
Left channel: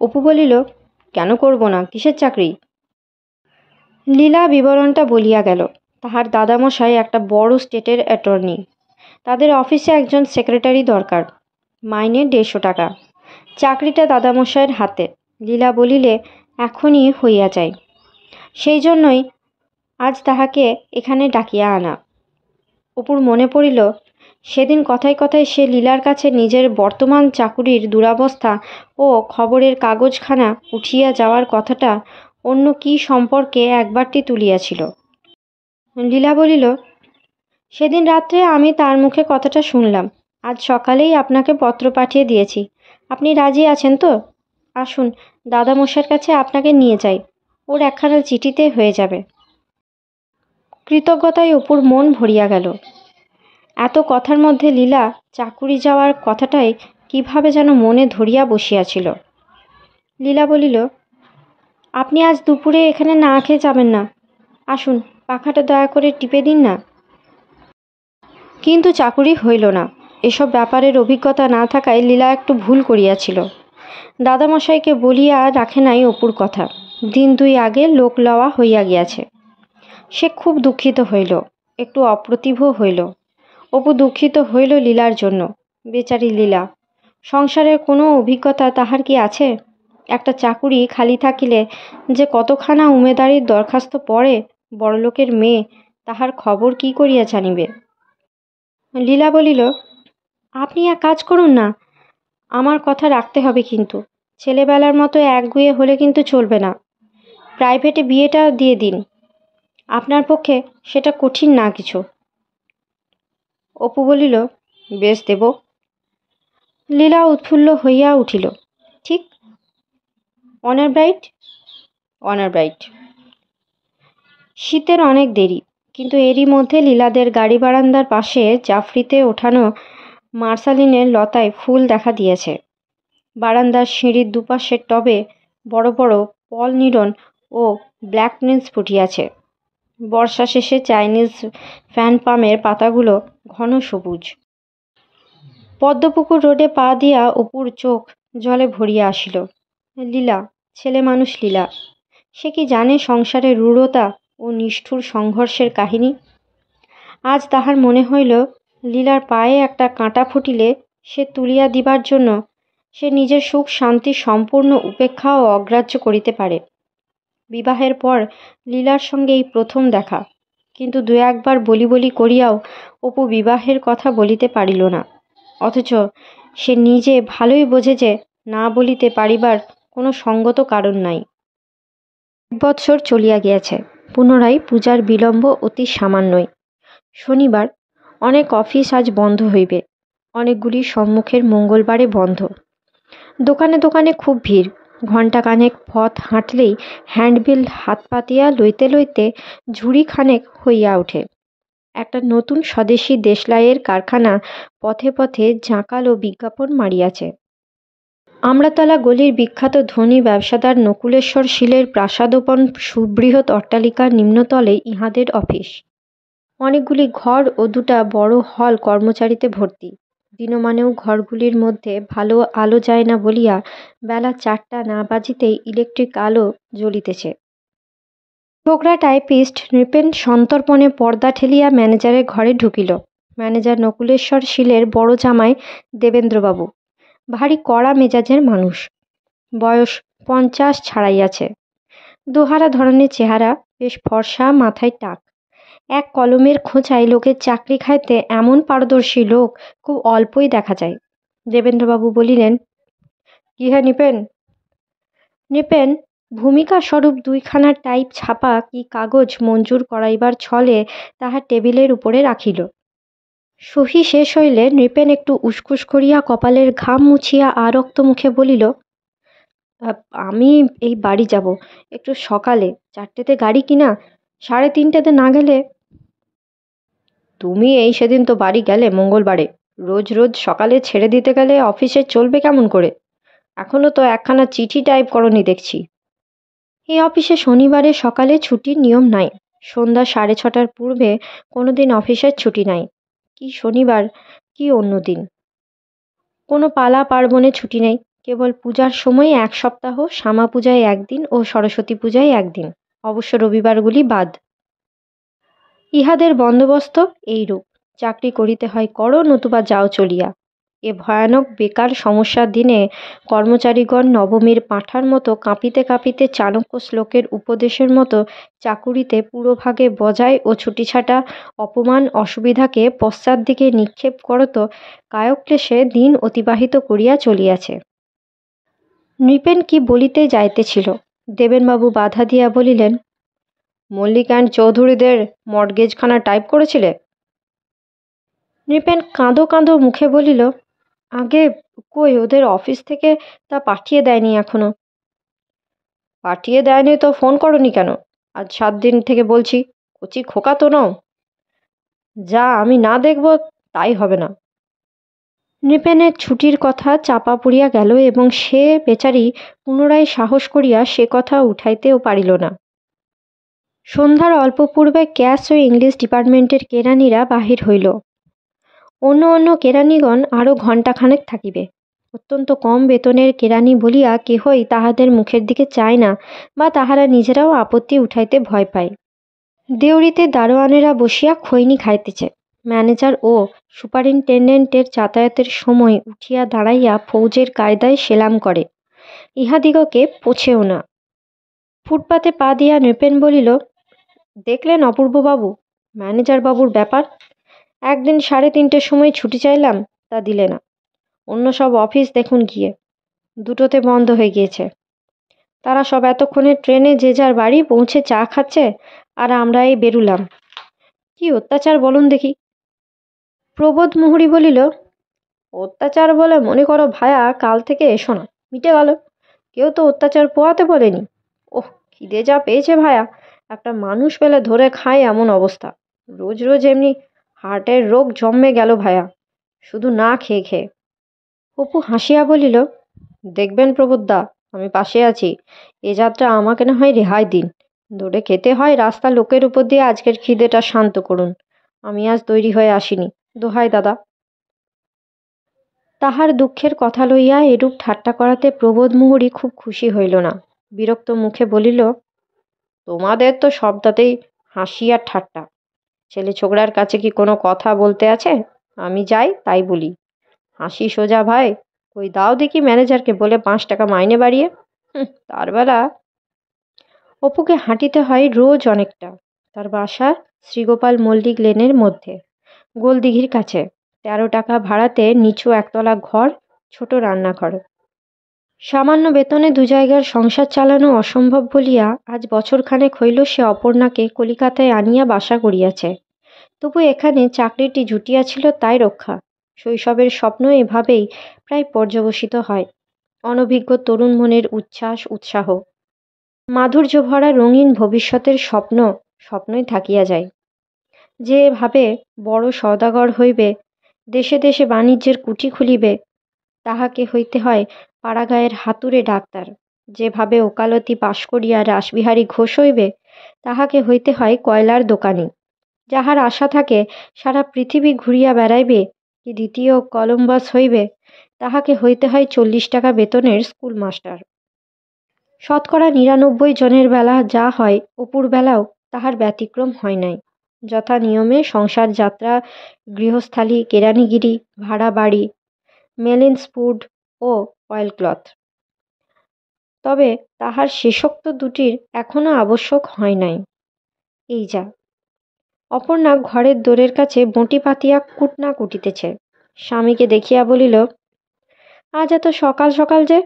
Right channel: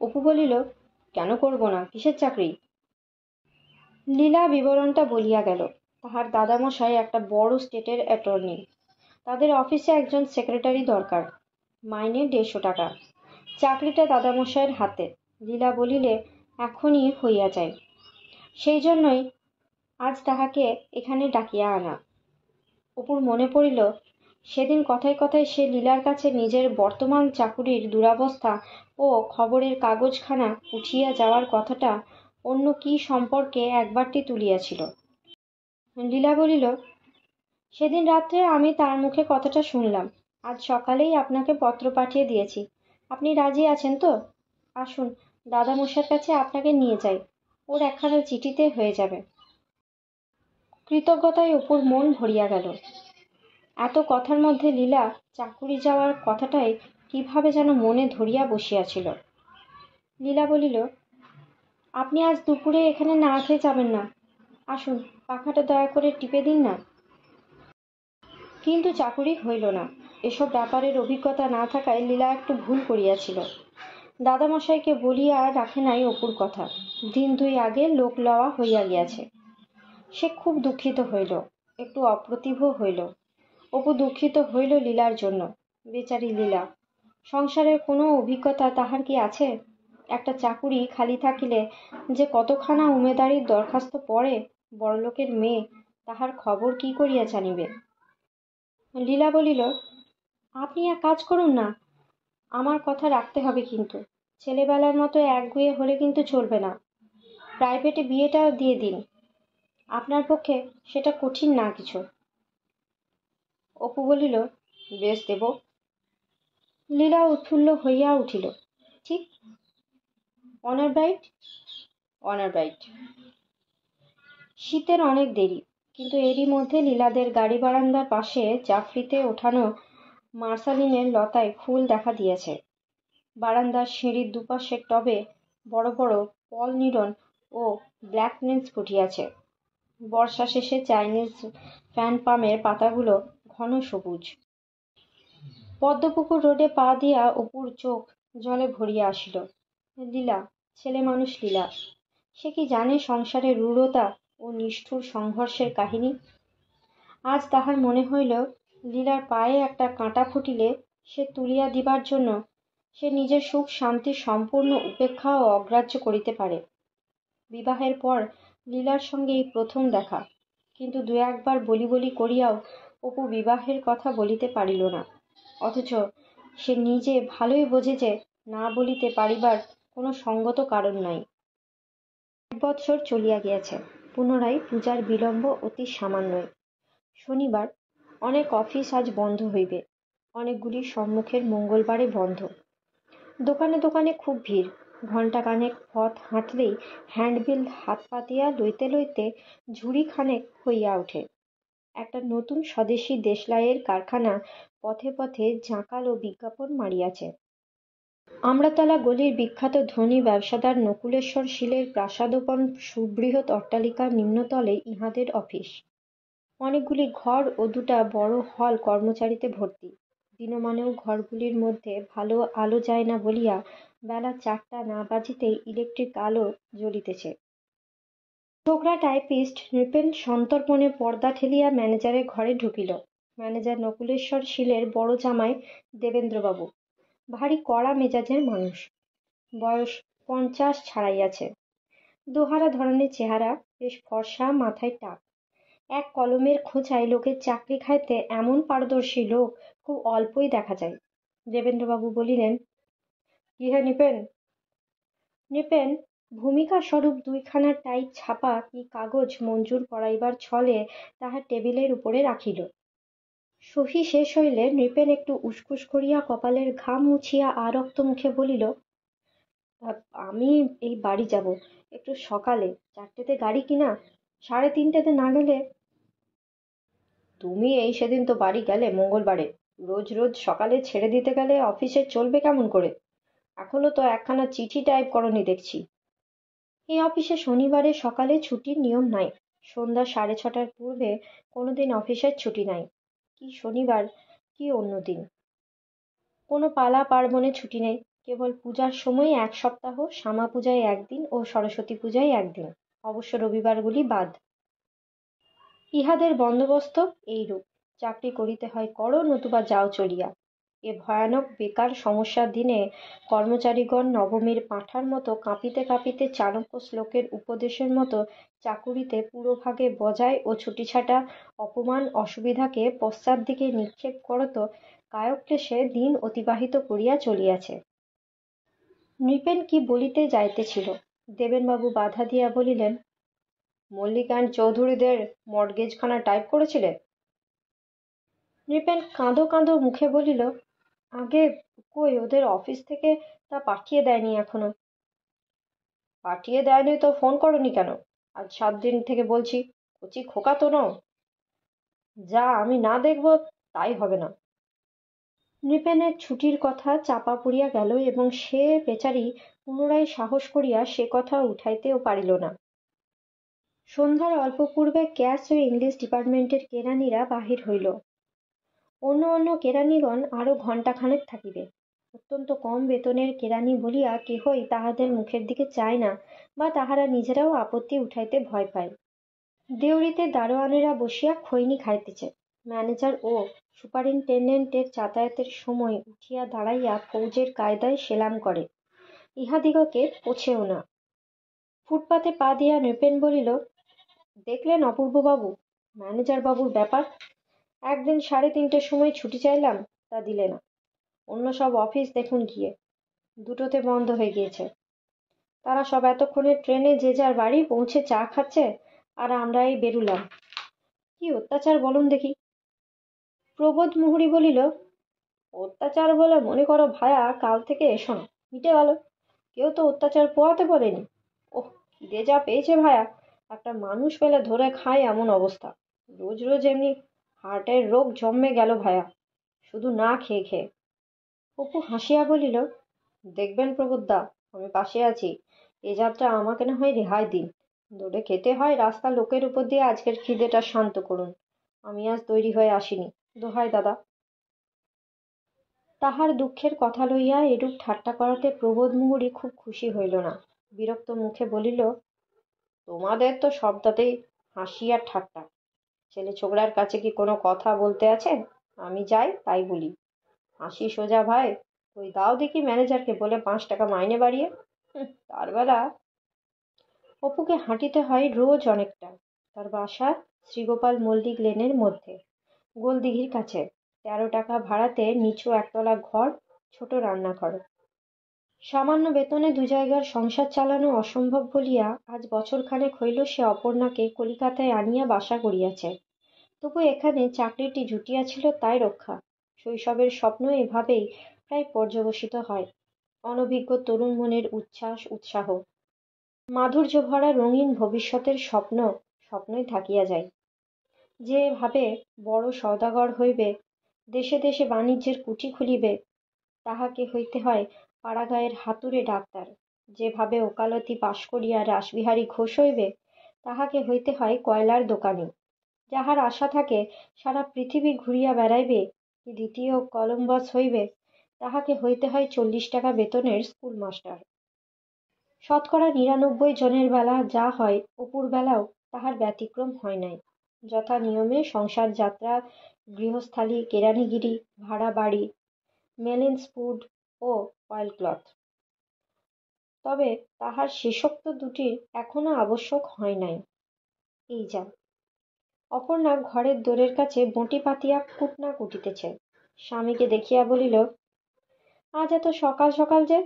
অপু বলিল, কেন করব না? কিসের চাকরি? লীলা বিবরণটা বলিয়া গেল। তাহার দাদামশাই একটা বড় স্টেটের অ্যাটর্নি। তাদের অফিসে একজন সেক্রেটারি দরকার, মাইনে 150 টাকা। চাকরিটা দাদামশাইয়ের হাতে। লীলা বলিলে, এখনই হইয়া যায়। সেই জন্যই আজ তাহাকে এখানে ডাকিয়া আনা। অপুর মনে পড়িল, সেদিন কথায় কথায় সে লীলার কাছে নিজের বর্তমান চাকুরির দুরবস্থা ও খবরের কাগজখানা উঠিয়া যাওয়ার কথাটা অন্য কি সম্পর্কে একবারটি তুলিয়াছিল। লীলা বলিল, সেদিন রাত্রে আমি তার মুখে কথাটা শুনলাম। আজ সকালেই আপনাকে পত্র পাঠিয়ে দিয়েছি। আপনি রাজি আছেন তো? আসুন, দাদামশাইয়ের কাছে আপনাকে নিয়ে যাই। ওর একখানা চিঠিতে হয়ে যাবে। কৃতজ্ঞতায় অপুর মন ভরিয়া গেল। এত কথার মধ্যে লীলা চাকুরি যাওয়ার কথাটাই কিভাবে যেন মনে ধরিয়া বসিয়াছিল। লীলা বলিল, আপনি আজ দুপুরে এখানে না খেয়ে যাবেন না। আসুন, পাখাটা দয়া করে টিপে দিন না। কিন্তু চাকুরি হইল না। এসব ব্যাপারের অভিজ্ঞতা না থাকায় লীলা একটু ভুল করিয়াছিল। দাদামশাইকে বলিয়া রাখে নাই অপুর কথা। দিন 2 আগে লোক লওয়া হইয়া গিয়াছে। সে খুব দুঃখিত হইল, একটু অপ্রতিভ হইল। অপু দুঃখিত হইল লীলার জন্য। বেচারি লীলা, সংসারের কোনো অভিজ্ঞতা তাহার কি আছে? একটা চাকুরি খালি থাকিলে যে কতখানা উমেদারির দরখাস্ত পড়ে, বড়লোকের মেয়ে তাহার খবর কি করিয়া জানিবে? লীলা বলিল, আপনি এক কাজ করুন না, আমার কথা রাখতে হবে কিন্তু। ছেলেবেলার মতো একগুঁয়ে হলে কিন্তু চলবে না। প্রাইভেটে বিয়েটা দিয়ে দিন। আপনার পক্ষে সেটা কঠিন না কিছু। অপু বলিল, বেশ দেব। লীলা উৎফুল্ল হইয়া উঠিল। ঠিক, অনার ব্রাইট? Honour bright. শীতের অনেক দেরি, কিন্তু এরই মধ্যে লীলাদের গাড়ি বারান্দার পাশে জাফরিতে ওঠানো মার্শালিনের লতায় ফুল দেখা দিয়েছে। বারান্দার সিঁড়ির দুপাশের টবে বড় বড় পল নিরন ও ব্ল্যাক নিন্স ফুটিয়াছে। বর্ষা শেষে চাইনিজ ফ্যান পামের পাতাগুলো ঘন সবুজ। পদ্মপুকুর রোডে পা দিয়া অপুর চোখ জলে ভরিয়া আসিল। লীলা, ছেলে মানুষ লীলা, সে কি জানে সংসারের রূঢ়তা ও নিষ্ঠুর সংঘর্ষের কাহিনী? আজ তাহার মনে হইল, লীলার পায়ে একটা কাঁটা ফুটিলে সে তুলিয়া দিবার জন্য সে নিজের সুখ শান্তি সম্পূর্ণ উপেক্ষা ও অগ্রাহ্য করিতে পারে। বিবাহের পর লীলার সঙ্গে এই প্রথম দেখা, কিন্তু 2-1বার বলি বলি করিয়াও অপু বিবাহের কথা বলিতে পারিল না। অথচ সে নিজে ভালোই বোঝে যে না বলিতে পারিবার কোনো সঙ্গত কারণ নাই। 1 বৎসর চলিয়া গিয়াছে। পুনরায় পূজার বিলম্ব অতি সামান্যই। শনিবার, অনেক অফিস আজ বন্ধ হইবে। অনেকগুলি সম্মুখের মঙ্গলবারে বন্ধ। দোকানে দোকানে খুব ভিড়। ঘণ্টাখানেক পথ হাঁটলেই হ্যান্ডবিল হাত পাতিয়া লইতে লইতে ঝুড়ি খানেক হইয়া ওঠে। একটা নতুন স্বদেশী দেশলাইয়ের কারখানা পথে পথে জাঁকালো বিজ্ঞাপন মারিয়াছে। আমড়াতলা গলির বিখ্যাত ধনী ব্যবসাদার নকুলেশ্বর শীলের প্রাসাদোপন সুবৃহৎ অট্টালিকার নিম্নতলে ইহাদের অফিস। অনেকগুলি ঘর ও 2টা বড় হল কর্মচারীতে ভর্তি। দিনমানেও ঘরগুলির মধ্যে ভালো আলো যায় না বলিয়া বেলা 4টা না বাজিতেই ইলেকট্রিক আলো জ্বলিতেছে। ছোকরা টাইপিস্ট নৃপেন সন্তর্পণে পর্দা ঠেলিয়া ম্যানেজারের ঘরে ঢুকিল। ম্যানেজার নকুলেশ্বর শীলের বড় জামাই দেবেন্দ্রবাবু, ভারী কড়া মেজাজের মানুষ, বয়স 50 ছাড়াইয়াছে, দোহারা ধরনের চেহারা, বেশ ফর্সা, মাথায় টাক। এক কলমের খোঁচায় লোকের চাকরি খাইতে এমন পারদর্শী লোক খুব অল্পই দেখা যায়। দেবেন্দ্রবাবু বলিলেন, কি হে নৃপেন? নৃপেন ভূমিকা স্বরূপ দুইখানা টাইপ ছাপা কি কাগজ মঞ্জুর করাইবার ছলে তাহার টেবিলের উপরে রাখিল। সহি শেষ হইলে নৃপেন একটু উসকুস করিয়া কপালের ঘাম মুছিয়া আরক্ত মুখে বলিল, আমি এই বাড়ি যাব, একটু সকালে, 4টেতে গাড়ি কিনা, 3:30তে না গেলে। তুমি এই সেদিন তো বাড়ি গেলে মঙ্গলবারে, রোজ রোজ সকালে ছেড়ে দিতে গেলে অফিসে চলবে কেমন করে? এখনো তো একখানা চিঠি টাইপ করনি দেখছি। এই অফিসে শনিবারে সকালে ছুটির নিয়ম নাই, সন্ধ্যা 6:30টার পূর্বে কোনো দিন অফিসের ছুটি নাই। কি শনিবার, কি অন্য দিন। কোনো পালা পার্বণে ছুটি নেই, কেবল পূজার সময় 1 সপ্তাহ, শ্যামা পূজায় 1 দিন ও সরস্বতী পূজায় 1 দিন, অবশ্য রবিবারগুলি বাদ। ইহাদের বন্দোবস্ত এইরূপ, চাকরি করিতে হয় করো, নতুবা যাও চলিয়া। এ ভয়ানক বেকার সমস্যার দিনে কর্মচারীগণ নবমীর পাঁঠার মতো কাঁপিতে কাঁপিতে চাণক্য শ্লোকের উপদেশের মতো চাকুরিতে পুরোভাগে বজায় ও ছুটিছাটা অপমান অসুবিধাকে পশ্চাৎ দিকে নিক্ষেপ করত কায়ক্লেশে দিন অতিবাহিত করিয়া চলিয়াছে। নৃপেন কি বলিতে যাইতেছিল, দেবেনবাবু বাধা দিয়া বলিলেন, মল্লিক অ্যান্ড চৌধুরীদের মর্টগেজখানা টাইপ করেছিলে? নৃপেন কাঁদো কাঁদো মুখে বলিল, আগে কই, ওদের অফিস থেকে তা পাঠিয়ে দেয়নি এখনো। পাঠিয়ে দেয়নি তো ফোন করনি কেন? আজ 7 দিন থেকে বলছি, কচি খোকা তো নও, যা আমি না দেখব তাই হবে না। নৃপেনের ছুটির কথা চাপা পড়িয়া গেল এবং সে বেচারি পুনরায় সাহস করিয়া সে কথা উঠাইতেও পারিল না। সন্ধ্যার অল্প পূর্বে ক্যাশ ও ইংলিশ ডিপার্টমেন্টের কেরানিরা বাহির হইল। অন্য অন্য কেরানিগণ আরও ঘণ্টাখানেক থাকিবে। অত্যন্ত কম বেতনের কেরানি বলিয়া কেহই তাহাদের মুখের দিকে চায় না, বা তাহারা নিজেরাও আপত্তি উঠাইতে ভয় পায়। দেউড়িতে দারোয়ানেরা বসিয়া খৈনি খাইতেছে। ম্যানেজার ও সুপারিনটেন্ডেন্টের যাতায়াতের সময় উঠিয়া দাঁড়াইয়া ফৌজের কায়দায় সেলাম করে, ইহাদিগকে পোছেও না। ফুটপাতে পা দিয়া নৃপেন বলিল, দেখলেন অপূর্ববাবু, ম্যানেজারবাবুর ব্যাপার। একদিন 3:30টের সময় ছুটি চাইলাম, তা দিলে না। অন্য সব অফিস দেখুন গিয়ে, 2টোতে বন্ধ হয়ে গিয়েছে। তারা সব এতক্ষণে ট্রেনে যে যার বাড়ি পৌঁছে চা খাচ্ছে, আর আমরা এই বেরুলাম। কি অত্যাচার বলুন দেখি। প্রবোধ মুহুরী বলিল, অত্যাচার বলে মনে করো ভায়া, কাল থেকে এসো না, মিটে গেল। কেউ তো অত্যাচার পোয়াতে বলেনি। ওহ, খিদে যা পেয়েছে ভায়া, একটা মানুষ পেলে ধরে খায় এমন অবস্থা। রোজ রোজ এমনি হার্টের রোগ জন্মে গেল ভায়া, শুধু না খেয়ে খেয়ে। অপু হাসিয়া বলিল, দেখবেন প্রবোধদা, আমি পাশে আছি। এ যাত্রা আমাকে না হয় রেহাই দিন। দৌড়ে খেতে হয় রাস্তা লোকের উপর দিয়ে, আজকের খিদেটা শান্ত করুন। আমি আজ তৈরি হয়ে আসিনি, দোহাই দাদা। তাহার দুঃখের কথা লইয়া এরূপ ঠাট্টা করাতে প্রবোধ মুহুরী খুব খুশি হইল না। বিরক্ত মুখে বলিল, তোমাদের তো সবটাতেই হাসি আর ঠাট্টা। ছেলে ছোকরার কাছে কি কোনো কথা বলতে আছে? আমি যাই তাই বলি, হাসি সোজা ভাই, ওই দাও দেখি ম্যানেজারকে বলে 5 টাকা মাইনে বাড়িয়ে। তার বেলা। অপুকে হাঁটিতে হয় রোজ অনেকটা। তার বাসা শ্রীগোপাল মল্লিক লেনের মধ্যে, গোলদিঘির কাছে। 13 টাকা ভাড়াতে নিচু একতলা ঘর, ছোট রান্নাঘর। সামান্য বেতনে 2 জায়গার সংসার চালানো অসম্ভব বলিয়া আজ বছরখানেক হইল সে অপর্ণাকে কলিকাতায় আনিয়া বাসা করিয়াছে। তবু এখানে চাকরিটি জুটিয়াছিল তাই রক্ষা। শৈশবের স্বপ্ন এভাবেই প্রায় পর্যবসিত হয়। অনভিজ্ঞ তরুণ মনের উচ্ছ্বাস উৎসাহ, মাধুর্য ভরা রঙিন ভবিষ্যতের স্বপ্ন স্বপ্নই থাকিয়া যায়। যে ভাবে বড় সওদাগর হইবে, দেশে দেশে বাণিজ্যের কুঠি খুলিবে, তাহাকে হইতে হয় পাড়াগাঁয়ের হাতুড়ে ডাক্তার। যেভাবে ওকালতি পাশ করিয়া রাসবিহারী ঘোষ হইবে, তাহাকে হইতে হয় কয়লার দোকানি। যাহার আশা থাকে সারা পৃথিবী ঘুরিয়া বেড়াইবে কি দ্বিতীয় কলম্বাস হইবে, তাহাকে হইতে হয় 40 টাকা বেতনের স্কুল মাস্টার। শতকরা ৯৯ জনের বেলা যা হয় অপুর বেলাও তাহার ব্যতিক্রম হয় নাই। যথা নিয়মে সংসার যাত্রা, গৃহস্থালি, কেরানিগিরি, ভাড়া বাড়ি, মেলিন্স ফুড ও অয়েলক্লথ। তবে তাহার শেষোক্ত দুটির এখনো আবশ্যক হয় নাই। এই যা। অপর্ণা ঘরের দোরের কাছে বঁটি পাতিয়া কুটনা কুটিতেছে। স্বামীকে দেখিয়া বলিল, আজ এত সকাল সকাল যে?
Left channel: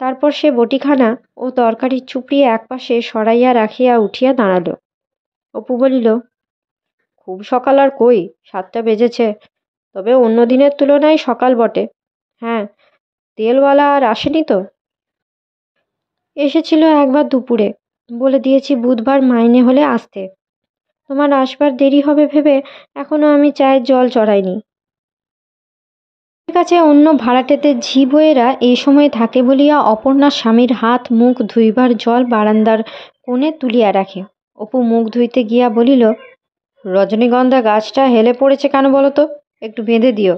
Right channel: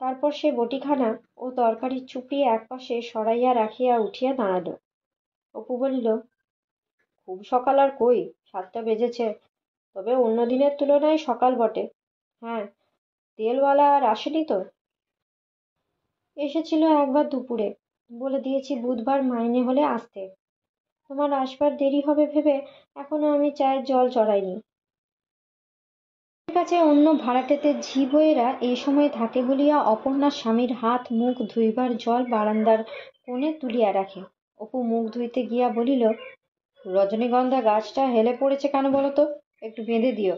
তারপর সে বটিখানা ও তরকারি চুপড়িয়ে একপাশে সরাইয়া রাখিয়া উঠিয়া দাঁড়াল। অপু বলিল, খুব সকাল আর কই, 7টা বেজেছে। তবে অন্য দিনের তুলনায় সকাল বটে। হ্যাঁ, তেলওয়ালা আর আসেনি তো? এসেছিল একবার দুপুরে। বলে দিয়েছি বুধবার মাইনে হলে আসতে। তোমার আসবার দেরি হবে ভেবে এখনো আমি চায়ের জল চড়াইনি। কাছে অন্য ভাড়াটেদের ঝি বইয়েরা এই সময় থাকে বলিয়া অপর্ণার স্বামীর হাত মুখ ধুইবার জল বারান্দার কোণে তুলিয়া রাখে। অপু মুখ ধুইতে গিয়া বলিল, রজনীগন্ধা গাছটা হেলে পড়েছে কেন বলো তো? একটু বেঁধে দিও।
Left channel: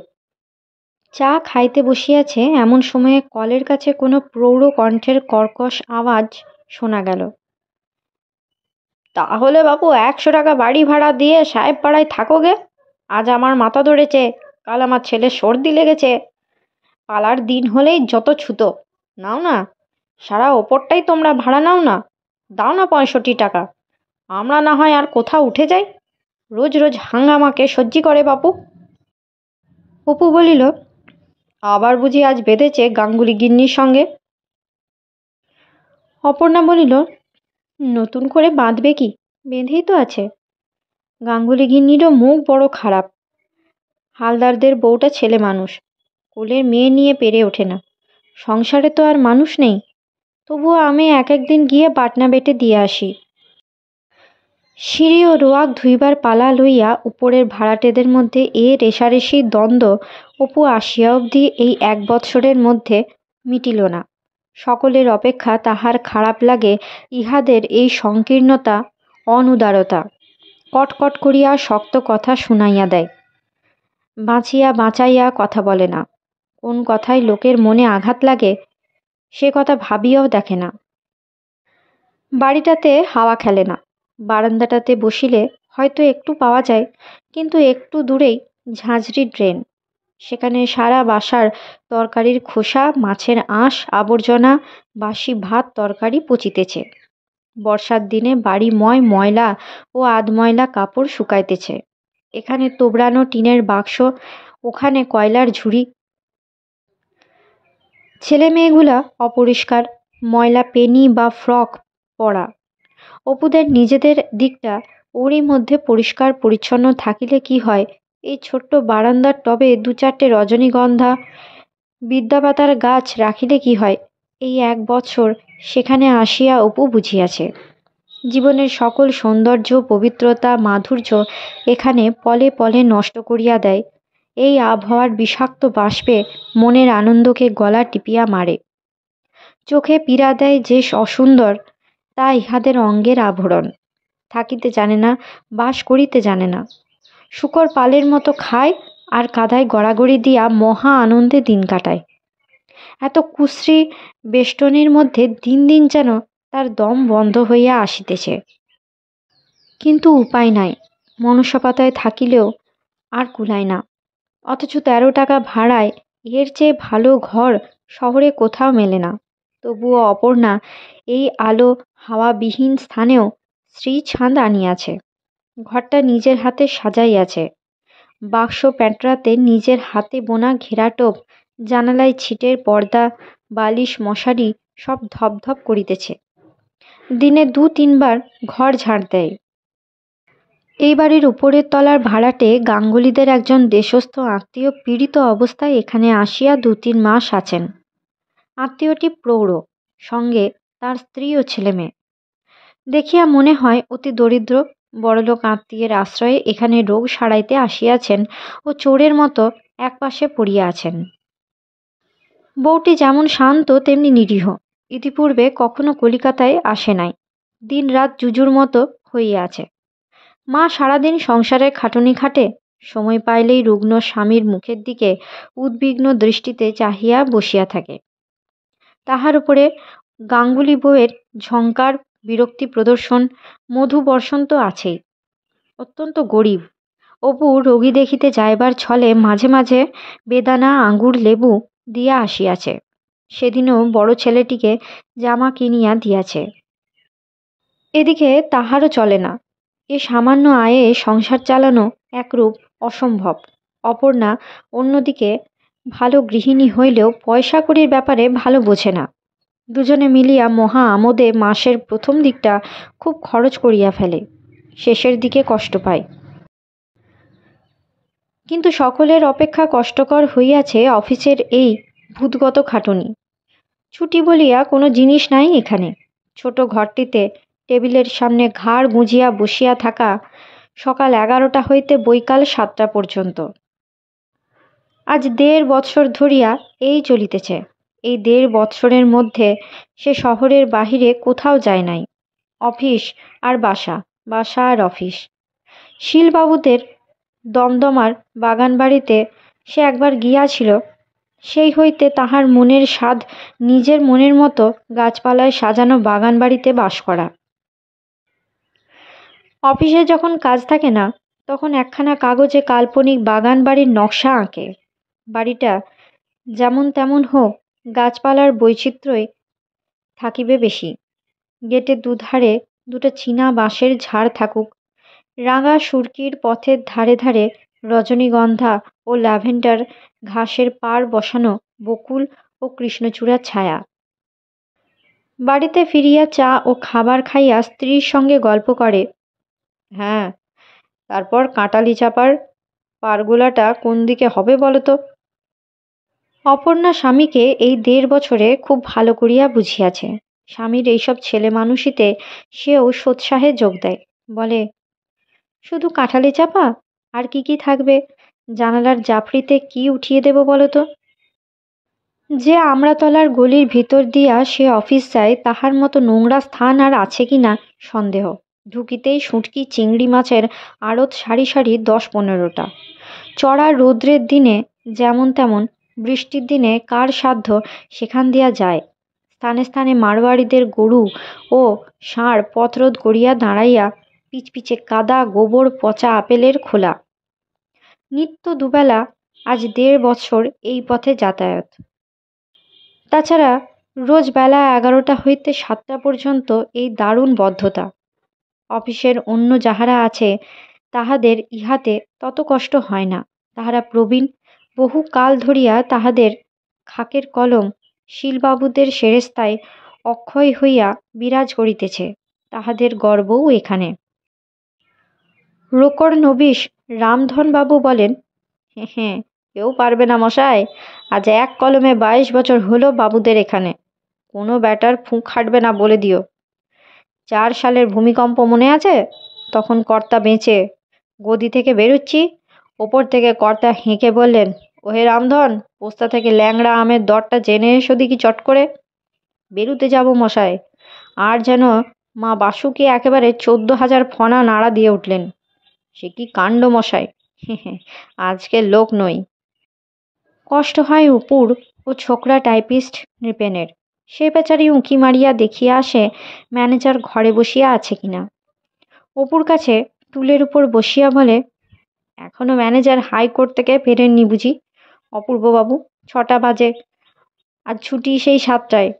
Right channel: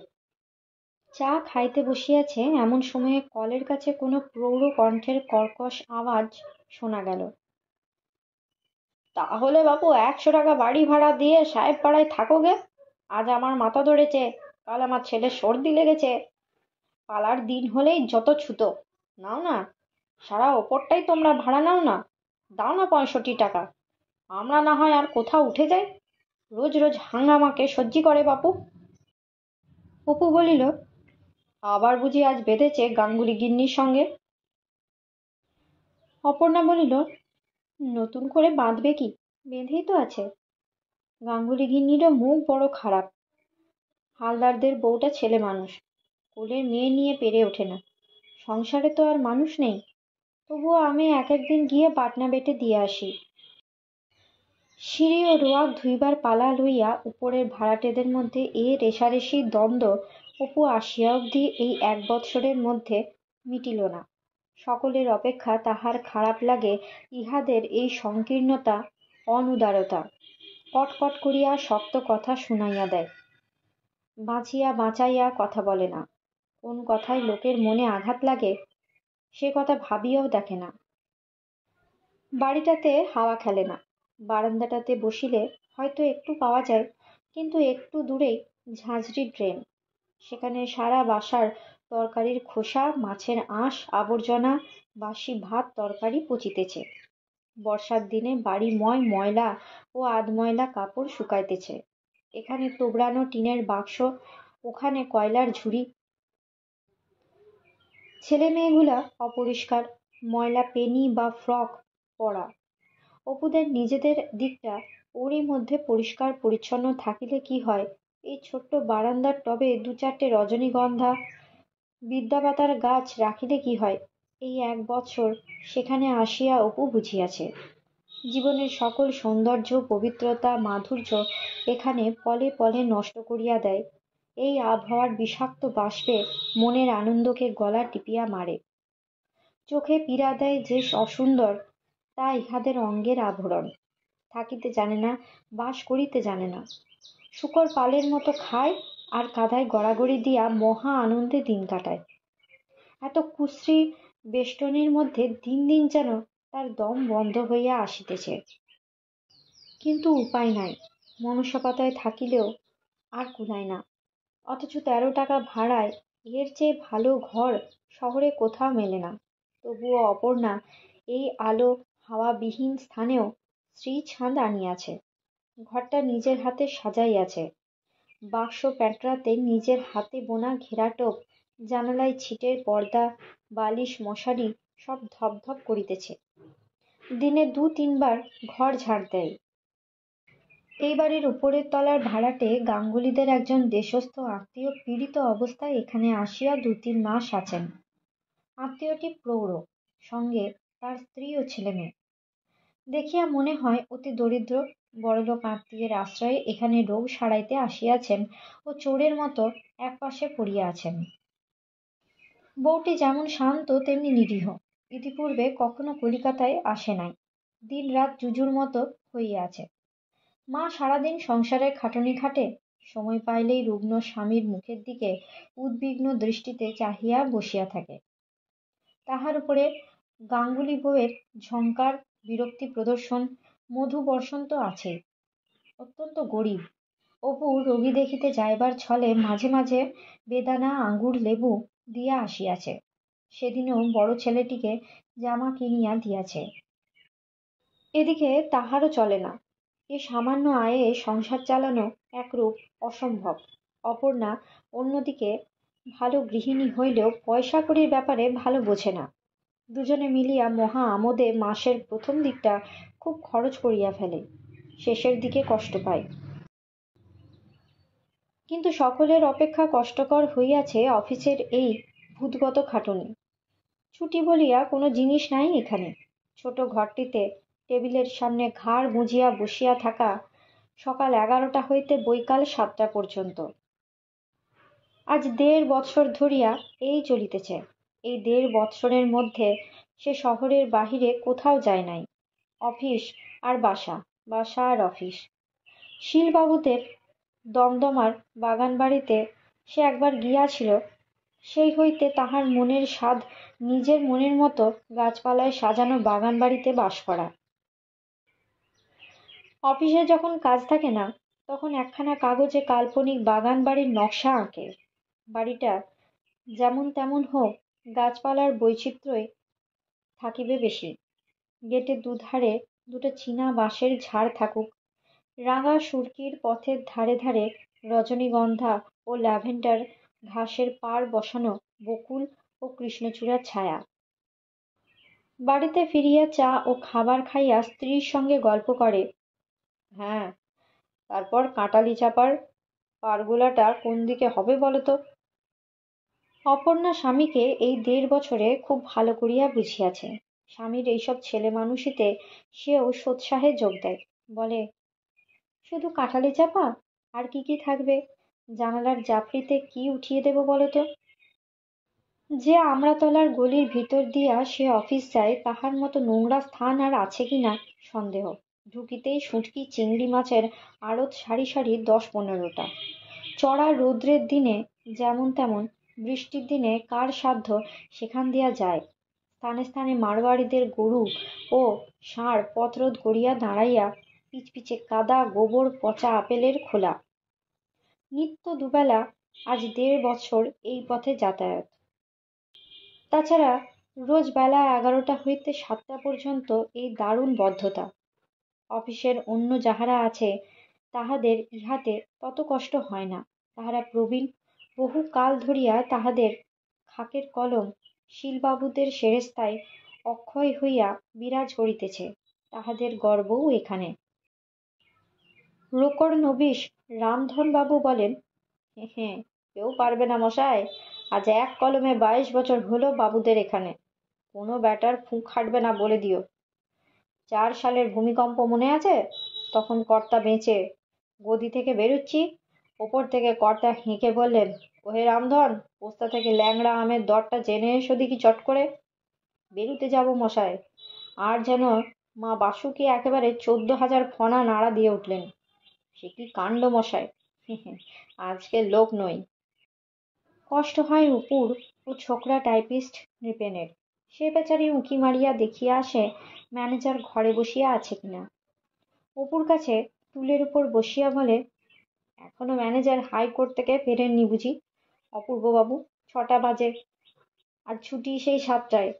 চা খাইতে বসিয়াছে এমন সময়ে কলের কাছে কোনো প্রৌঢ় কণ্ঠের কর্কশ আওয়াজ শোনা গেল। তাহলে বাপু 100 টাকা বাড়ি ভাড়া দিয়ে সাহেব পাড়ায় থাকো গে। আজ আমার মাথা ধরেছে, কাল আমার ছেলের সর্দি লেগেছে। পালার দিন হলেই যত ছুতো। নাও না, সারা ওপরটাই তোমরা ভাড়া নাও না। দাও না 65 টাকা। আমরা না হয় আর কোথাও উঠে যাই। রোজ রোজ হাঙ্গামাকে সহ্যি করে বাপু। অপু বলিল, আবার বুঝি আজ বেঁধেছে গাঙ্গুলি গিন্নির সঙ্গে? অপর্ণা বলিল, নতুন করে বাঁধবে কি, বেঁধেই তো আছে। গাঙ্গুলি গিন্নিরও মুখ বড় খারাপ। হালদারদের বউটা ছেলে মানুষ, কোলের মেয়ে নিয়ে পেরে ওঠে না। সংসারে তো আর মানুষ নেই। তবুও আমি এক একদিন গিয়ে বাটনা বেটে দিয়ে আসি। সিঁড়ি ও রোয়াক ধুইবার পালা লইয়া উপরের ভাড়াটেদের মধ্যে এ রেশারেশি দ্বন্দ্ব অপু আসিয়া অবধি এই 1 বৎসরের মধ্যে মিটিল না। সকলের অপেক্ষা তাহার খারাপ লাগে ইহাদের এই সংকীর্ণতা, অনুদারতা। কটকট করিয়া শক্ত কথা শুনাইয়া দেয়। বাঁচিয়া বাঁচাইয়া কথা বলে না। কোন কথায় লোকের মনে আঘাত লাগে সে কথা ভাবিয়াও দেখে না। বাড়িটাতে হাওয়া খেলে না। বারান্দাটাতে বসিলে হয়তো একটু পাওয়া যায়, কিন্তু একটু দূরেই ঝাঁঝরি ড্রেন। সেখানে সারা বাসার তরকারির খোসা, মাছের আঁশ, আবর্জনা, বাসি ভাত তরকারি পচিতেছে। বর্ষার দিনে বাড়ি ময়লা ও আধময়লা কাপড় শুকাইতেছে। এখানে তোবড়ানো টিনের বাক্স, ওখানে কয়লার ঝুড়ি। ছেলে মেয়েগুলা অপরিষ্কার, ময়লা পেনি বা ফ্রক পরা। অপুদের নিজেদের দিকটা ওরই মধ্যে পরিষ্কার পরিচ্ছন্ন থাকিলে কি হয়, এই ছোট্ট বারান্দার টবে 2-4টে রজনীগন্ধা, বিদ্যাপাতার গাছ রাখিলে কি হয়, এই 1 বৎসর সেখানে আসিয়া অপু বুঝিয়াছে। জীবনের সকল সৌন্দর্য, পবিত্রতা, মাধুর্য এখানে পলে পলে নষ্ট করিয়া দেয় এই আবহাওয়ার বিষাক্ত বাষ্পে মনের আনন্দকে গলা টিপিয়া মারে। চোখে পীড়া দেয় যে অসুন্দর, তা ইহাদের অঙ্গের আভরণ। থাকিতে জানে না, বাস করিতে জানে না। শূকর পালের মতো খায় আর কাদায় গড়াগড়ি দিয়া মহা আনন্দে দিন কাটায়। এত কুশ্রী বেষ্টনীর মধ্যে দিন দিন যেন তার দম বন্ধ হইয়া আসিতেছে। কিন্তু উপায় নাই, মনুষ্যপাতায় থাকিলেও আর কুলায় না। অথচ 13 টাকা ভাড়ায় এর চেয়ে ভালো ঘর শহরে কোথাও মেলে না। তবুও অপর্ণা এই আলো হাওয়াবিহীন স্থানেও শ্রীছাঁদ আনিয়াছে। ঘরটা নিজের হাতে সাজাইয়াছে। বাক্স প্যাঁটরাতে নিজের হাতে বোনা ঘেরাটোপ, জানালায় ছিটের পর্দা, বালিশ, মশারি সব ধপধপ করিতেছে। দিনে 2-3 বার ঘর ঝাড় দেয়। এই বাড়ির উপরের তলার ভাড়াটে গাঙ্গুলিদের একজন দেশস্থ আত্মীয় পীড়িত অবস্থায় এখানে আসিয়া 2-3 মাস আছেন। আত্মীয়টি প্রৌঢ়, সঙ্গে তার স্ত্রী ও ছেলে মেয়ে। দেখিয়া মনে হয় অতি দরিদ্র। বড়লোক আত্মীয়ের আশ্রয়ে এখানে রোগ সারাইতে আসিয়াছেন ও চোরের মতো একপাশে পড়িয়া আছেন। বউটি যেমন শান্ত তেমনি নিরীহ। ইতিপূর্বে কখনো কলিকাতায় আসে নাই। দিন রাত জুজুর মতো হইয়া আছে। মা সারাদিন সংসারের খাটুনি খাটে, সময় পাইলেই রুগ্ন স্বামীর মুখের দিকে উদ্বিগ্ন দৃষ্টিতে চাহিয়া বসিয়া থাকে। তাহার উপরে গাঙ্গুলি বউয়ের ঝংকার, বিরক্তি প্রদর্শন, মধু বর্ষণ তো আছেই। অত্যন্ত গরিব। অপু রোগী দেখিতে যাইবার ছলে মাঝে মাঝে বেদানা, আঙ্গুর, লেবু দিয়া আসিয়াছে। সেদিনও বড় ছেলেটিকে জামা কিনিয়া দিয়াছে। এদিকে তাহারও চলে না। এ সামান্য আয়ে সংসার চালানো একরূপ অসম্ভব। অপর্ণা অন্যদিকে ভালো গৃহিণী হইলেও পয়সা কড়ির ব্যাপারে ভালো বোঝে না। দুজনে মিলিয়া মহা আমোদে মাসের প্রথম দিকটা খুব খরচ করিয়া ফেলে, শেষের দিকে কষ্ট পায়। কিন্তু সকলের অপেক্ষা কষ্টকর হইয়াছে অফিসের এই ভূতগত খাটুনি। ছুটি বলিয়া কোনো জিনিস নাই এখানে। ছোট ঘরটিতে টেবিলের সামনে ঘাড় গুঁজিয়া বসিয়া থাকা সকাল 11টা হইতে বৈকাল 7টা পর্যন্ত। আজ 1.5 বৎসর ধরিয়া এই চলিতেছে। এই 1.5 বৎসরের মধ্যে সে শহরের বাহিরে কোথাও যায় নাই। অফিস আর বাসা, বাসা আর অফিস। শীলবাবুদের দমদমার বাগান বাড়িতে সে একবার গিয়াছিল। সেই হইতে তাহার মনের স্বাদ নিজের মনের মতো গাছপালায় সাজানো বাগান বাড়িতে বাস করা। অফিসে যখন কাজ থাকে না, তখন একখানা কাগজে কাল্পনিক বাগান বাড়ির নকশা আঁকে। বাড়িটা যেমন তেমন হোক, গাছপালার বৈচিত্র্যই থাকিবে বেশি। গেটের দুধারে দুটো চীনা বাঁশের ঝাড় থাকুক। রাঙা সুরকির পথের ধারে ধারে রজনীগন্ধা ও ল্যাভেন্ডার ঘাসের পাড় বসানো বকুল ও কৃষ্ণচূড়ার ছায়া। বাড়িতে ফিরিয়া চা ও খাবার খাইয়া স্ত্রীর সঙ্গে গল্প করে। হ্যাঁ, তারপর কাঁটালি চাপার পারগোলাটা কোন দিকে হবে বলো তো? অপর্ণা স্বামীকে এই 1.5 বছরে খুব ভালো করিয়া বুঝিয়াছে। স্বামীর এইসব ছেলে মানুষিতে সেও সোৎসাহে যোগ দেয়। বলে, শুধু কাঁঠালি চাপা? আর কি কি থাকবে? জানালার জাফরিতে কি উঠিয়ে দেব বলো তো? যে আমড়াতলার গলির ভিতর দিয়া সে অফিস যায়, তাহার মতো নোংরা স্থান আর আছে কি না সন্দেহ। ঢুকিতেই শুঁটকি চিংড়ি মাছের আড়ত সারি সারি 10-15টা। চড়া রৌদ্রের দিনে যেমন তেমন, বৃষ্টির দিনে কার সাধ্য সেখান দিয়া যায়। স্থানে স্থানে মারোয়াড়িদের গরু ও ষাঁড় পথরোধ করিয়া দাঁড়াইয়া, পিচপিচে কাদা, গোবর, পচা আপেলের খোলা। নিত্য দুবেলা আজ 1.5 বছর এই পথে যাতায়াত। তাছাড়া রোজ বেলা 11টা হইতে 7টা পর্যন্ত এই দারুণ বদ্ধতা। অফিসের অন্য যাহারা আছে তাহাদের ইহাতে তত কষ্ট হয় না। তাহারা প্রবীণ, বহু কাল ধরিয়া তাহাদের খাকের কলম শীলবাবুদের সেরেস্তায় অক্ষয় হইয়া বিরাজ করিতেছে। তাহাদের গর্বও এখানে। রোকড় নবিশ রামধনবাবু বলেন, হ্যাঁ, কেউ পারবে না মশাই। আজ এক কলমে 22 বছর হলো বাবুদের এখানে। কোনো ব্যাটার ফুঁক হাঁটবে না বলে দিও। 4 সালের ভূমিকম্প মনে আছে? তখন কর্তা বেঁচে। গদি থেকে বেরোচ্ছি, ওপর থেকে কর্তা হেঁকে বললেন, ওহে রামধন, পোস্তা থেকে ল্যাংড়া আমের দরটা জেনে এসো দেখি চট করে। বেরুতে যাব মশাই। আর যেন মা বাসুকে একেবারে 14,000 ফনা নাড়া দিয়ে উঠলেন। সে কি কাণ্ড মশাই! আজকের লোক নই। কষ্ট হয় উপুর ও ছোকরা টাইপিস্ট নৃপেনের। সে বেচারি উঁকি মারিয়া দেখিয়া আসে ম্যানেজার ঘরে বসিয়া আছে কিনা। অপুর কাছে টুলের উপর বসিয়া বলে, এখনো ম্যানেজার হাইকোর্ট থেকে ফেরেননি বুঝি? অপূর্ববাবু, 6টা বাজে, আজ ছুটি সেই 7টায়।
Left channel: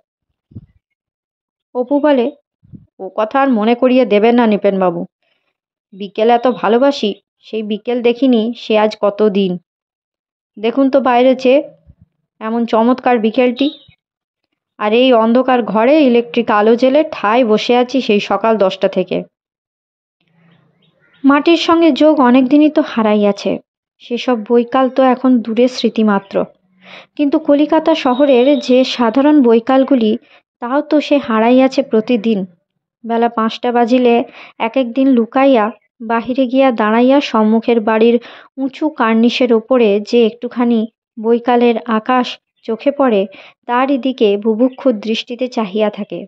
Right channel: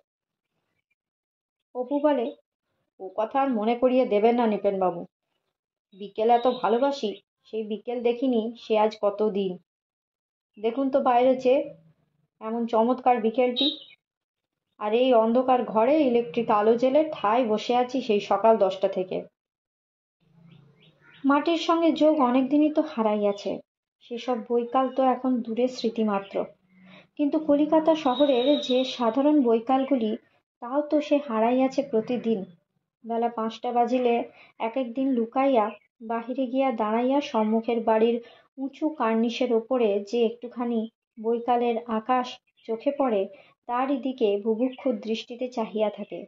অপু বলে, ও কথা আর মনে করিয়ে দেবেন না নৃপেনবাবু। বিকেল এত ভালোবাসি, সেই বিকেল দেখিনি সে আজ কত দিন। দেখুন তো বাইরে চেয়ে, এমন চমৎকার বিকেলটি। আর এই অন্ধকার ঘরে ইলেকট্রিক আলো জ্বেলে ঠায় বসে আছি সেই সকাল 10টা থেকে। মাটির সঙ্গে যোগ অনেক দিনই তো হারাইয়াছে। সেসব বৈকাল তো এখন দূরের স্মৃতিমাত্র। কিন্তু কলিকাতা শহরের যে সাধারণ বৈকালগুলি, তাও তো সে হারাইয়াছে প্রতিদিন। বেলা 5টা বাজিলে এক একদিন লুকাইয়া বাহিরে গিয়া দাঁড়াইয়া সম্মুখের বাড়ির উঁচু কার্নিশের ওপরে যে একটুখানি বৈকালের আকাশ চোখে পড়ে, তারই দিকে বুভুক্ষু দৃষ্টিতে চাহিয়া থাকে।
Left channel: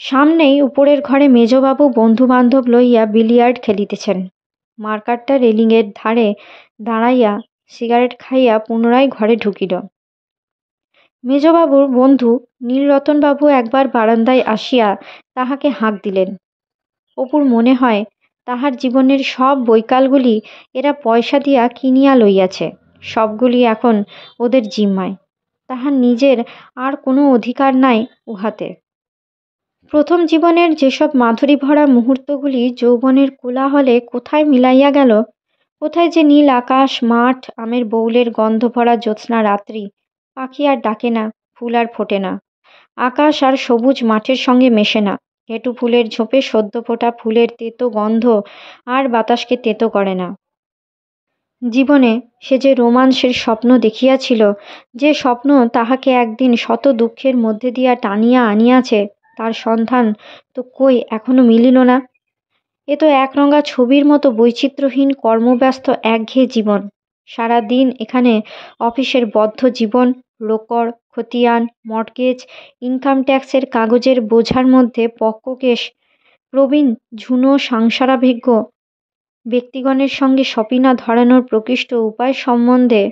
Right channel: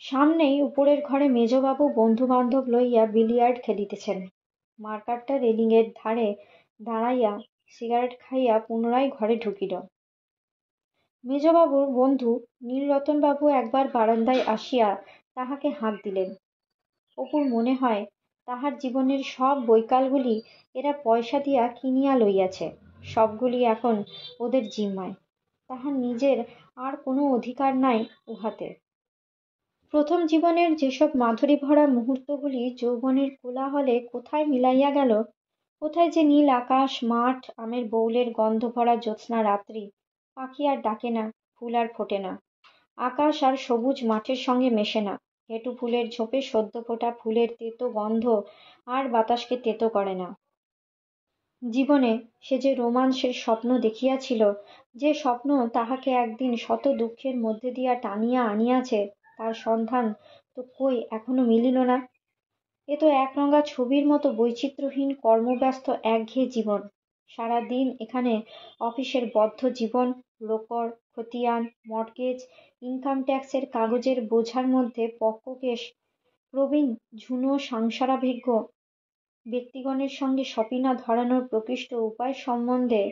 সামনেই উপরের ঘরে মেজবাবু বন্ধুবান্ধব লইয়া বিলিয়ার্ড খেলিতেছেন। মার্কারটা রেলিংয়ের ধারে দাঁড়াইয়া সিগারেট খাইয়া পুনরায় ঘরে ঢুকিল। মেজবাবুর বন্ধু নীলরতনবাবু একবার বারান্দায় আসিয়া তাহাকে হাঁক দিলেন। অপুর মনে হয় তাহার জীবনের সব বৈকালগুলি এরা পয়সা দিয়া কিনিয়া লইয়াছে, সবগুলি এখন ওদের জিম্মায়। তাহার নিজের আর কোনো অধিকার নাই উহাতে। প্রথম জীবনের যেসব মাধুরী ভরা মুহূর্তগুলি যৌবনের কোলাহলে কোথায় মিলাইয়া গেল, কোথায় যে নীল আকাশ, মাঠ, আমের বউলের গন্ধ ভরা জ্যোৎস্না রাত্রি, পাখি আর ডাকে না, ফুল আর ফোটে না, আকাশ আর সবুজ মাঠের সঙ্গে মেশে না, ঘেটু ফুলের ঝোপে সদ্য ফোটা ফুলের তেতো গন্ধ আর বাতাসকে তেতো করে না। জীবনে সে যে রোমাঞ্চের স্বপ্ন দেখিয়াছিল, যে স্বপ্ন তাহাকে একদিন শত দুঃখের মধ্যে দিয়া টানিয়া আনিয়াছে, তার সন্ধান তো কই এখনো মিলিল না। এ তো একরঙা ছবির মতো বৈচিত্র্যহীন কর্মব্যস্ত একঘেয়ে জীবন। সারা দিন এখানে অফিসের বদ্ধ জীবন, রোকড়, খতিয়ান, মর্টগেজ, ইনকাম ট্যাক্সের কাগজের বোঝার মধ্যে পক্ককেশ প্রবীণ ঝুনো সাংসারাভিজ্ঞ ব্যক্তিগণের সঙ্গে সপিনা ধরানোর প্রকৃষ্ট উপায় সম্বন্ধে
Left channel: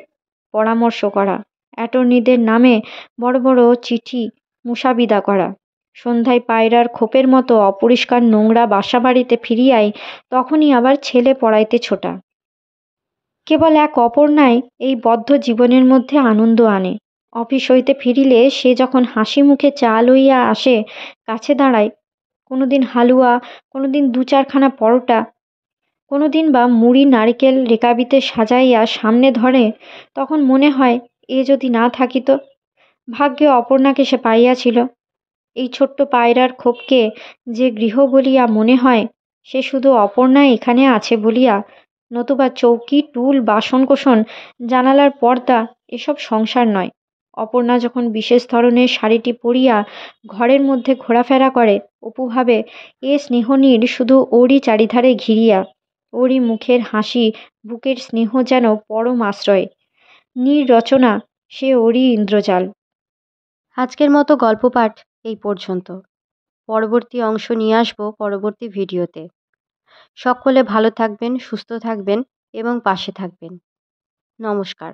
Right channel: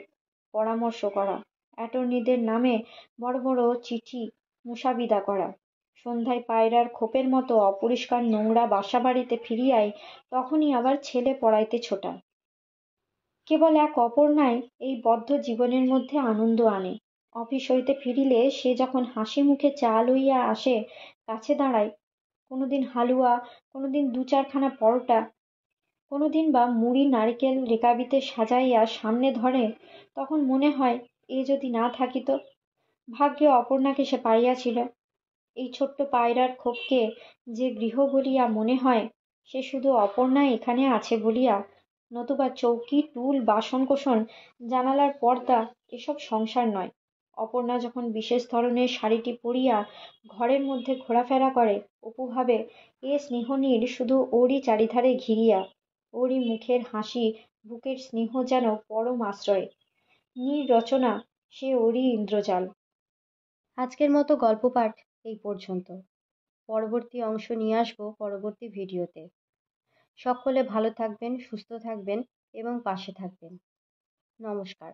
পরামর্শ করা, অ্যাটর্নিদের নামে বড় বড় চিঠি মুসাবিদা করা, সন্ধ্যায় পায়রার খোপের মতো অপরিষ্কার নোংরা বাসাবাড়িতে ফিরিয়াই তখনই আবার ছেলে পড়াইতে ছোটা। কেবল এক অপর্ণাই এই বদ্ধ জীবনের মধ্যে আনন্দ আনে। অফিস হইতে ফিরিলে সে যখন হাসি মুখে চা লইয়া আসে, কাছে দাঁড়ায়, কোনোদিন হালুয়া, কোনোদিন দু চারখানা পরোটা, কোনোদিন বা মুড়ি নারিকেল রেকাবিতে সাজাইয়া সামনে ধরে, তখন মনে হয় এ যদি না থাকিত। ভাগ্যে অপর্ণাকে সে পাইয়াছিল। এই ছোট্ট পায়রার খোপকে যে গৃহ বলিয়া মনে হয়, সে শুধু অপর্ণা এখানে আছে বলিয়া, নতুবা চৌকি, টুল, বাসনকোসন, জানালার পর্দা এসব সংসার নয়। অপর্ণা যখন বিশেষ ধরনের শাড়িটি পরিয়া ঘরের মধ্যে ঘোরাফেরা করে, অপু ভাবে এ স্নেহনীড় শুধু ওরই চারিধারে ঘিরিয়া, ওরই মুখের হাসি, বুকের স্নেহ যেন পরম আশ্রয়। নীর রচনা সে ওরই ইন্দ্রজাল। আজকের মতো গল্প পাঠ এই পর্যন্ত। পরবর্তী অংশ নিয়ে আসবো পরবর্তী ভিডিওতে। সকলে ভালো থাকবেন, সুস্থ থাকবেন এবং পাশে থাকবেন। নমস্কার।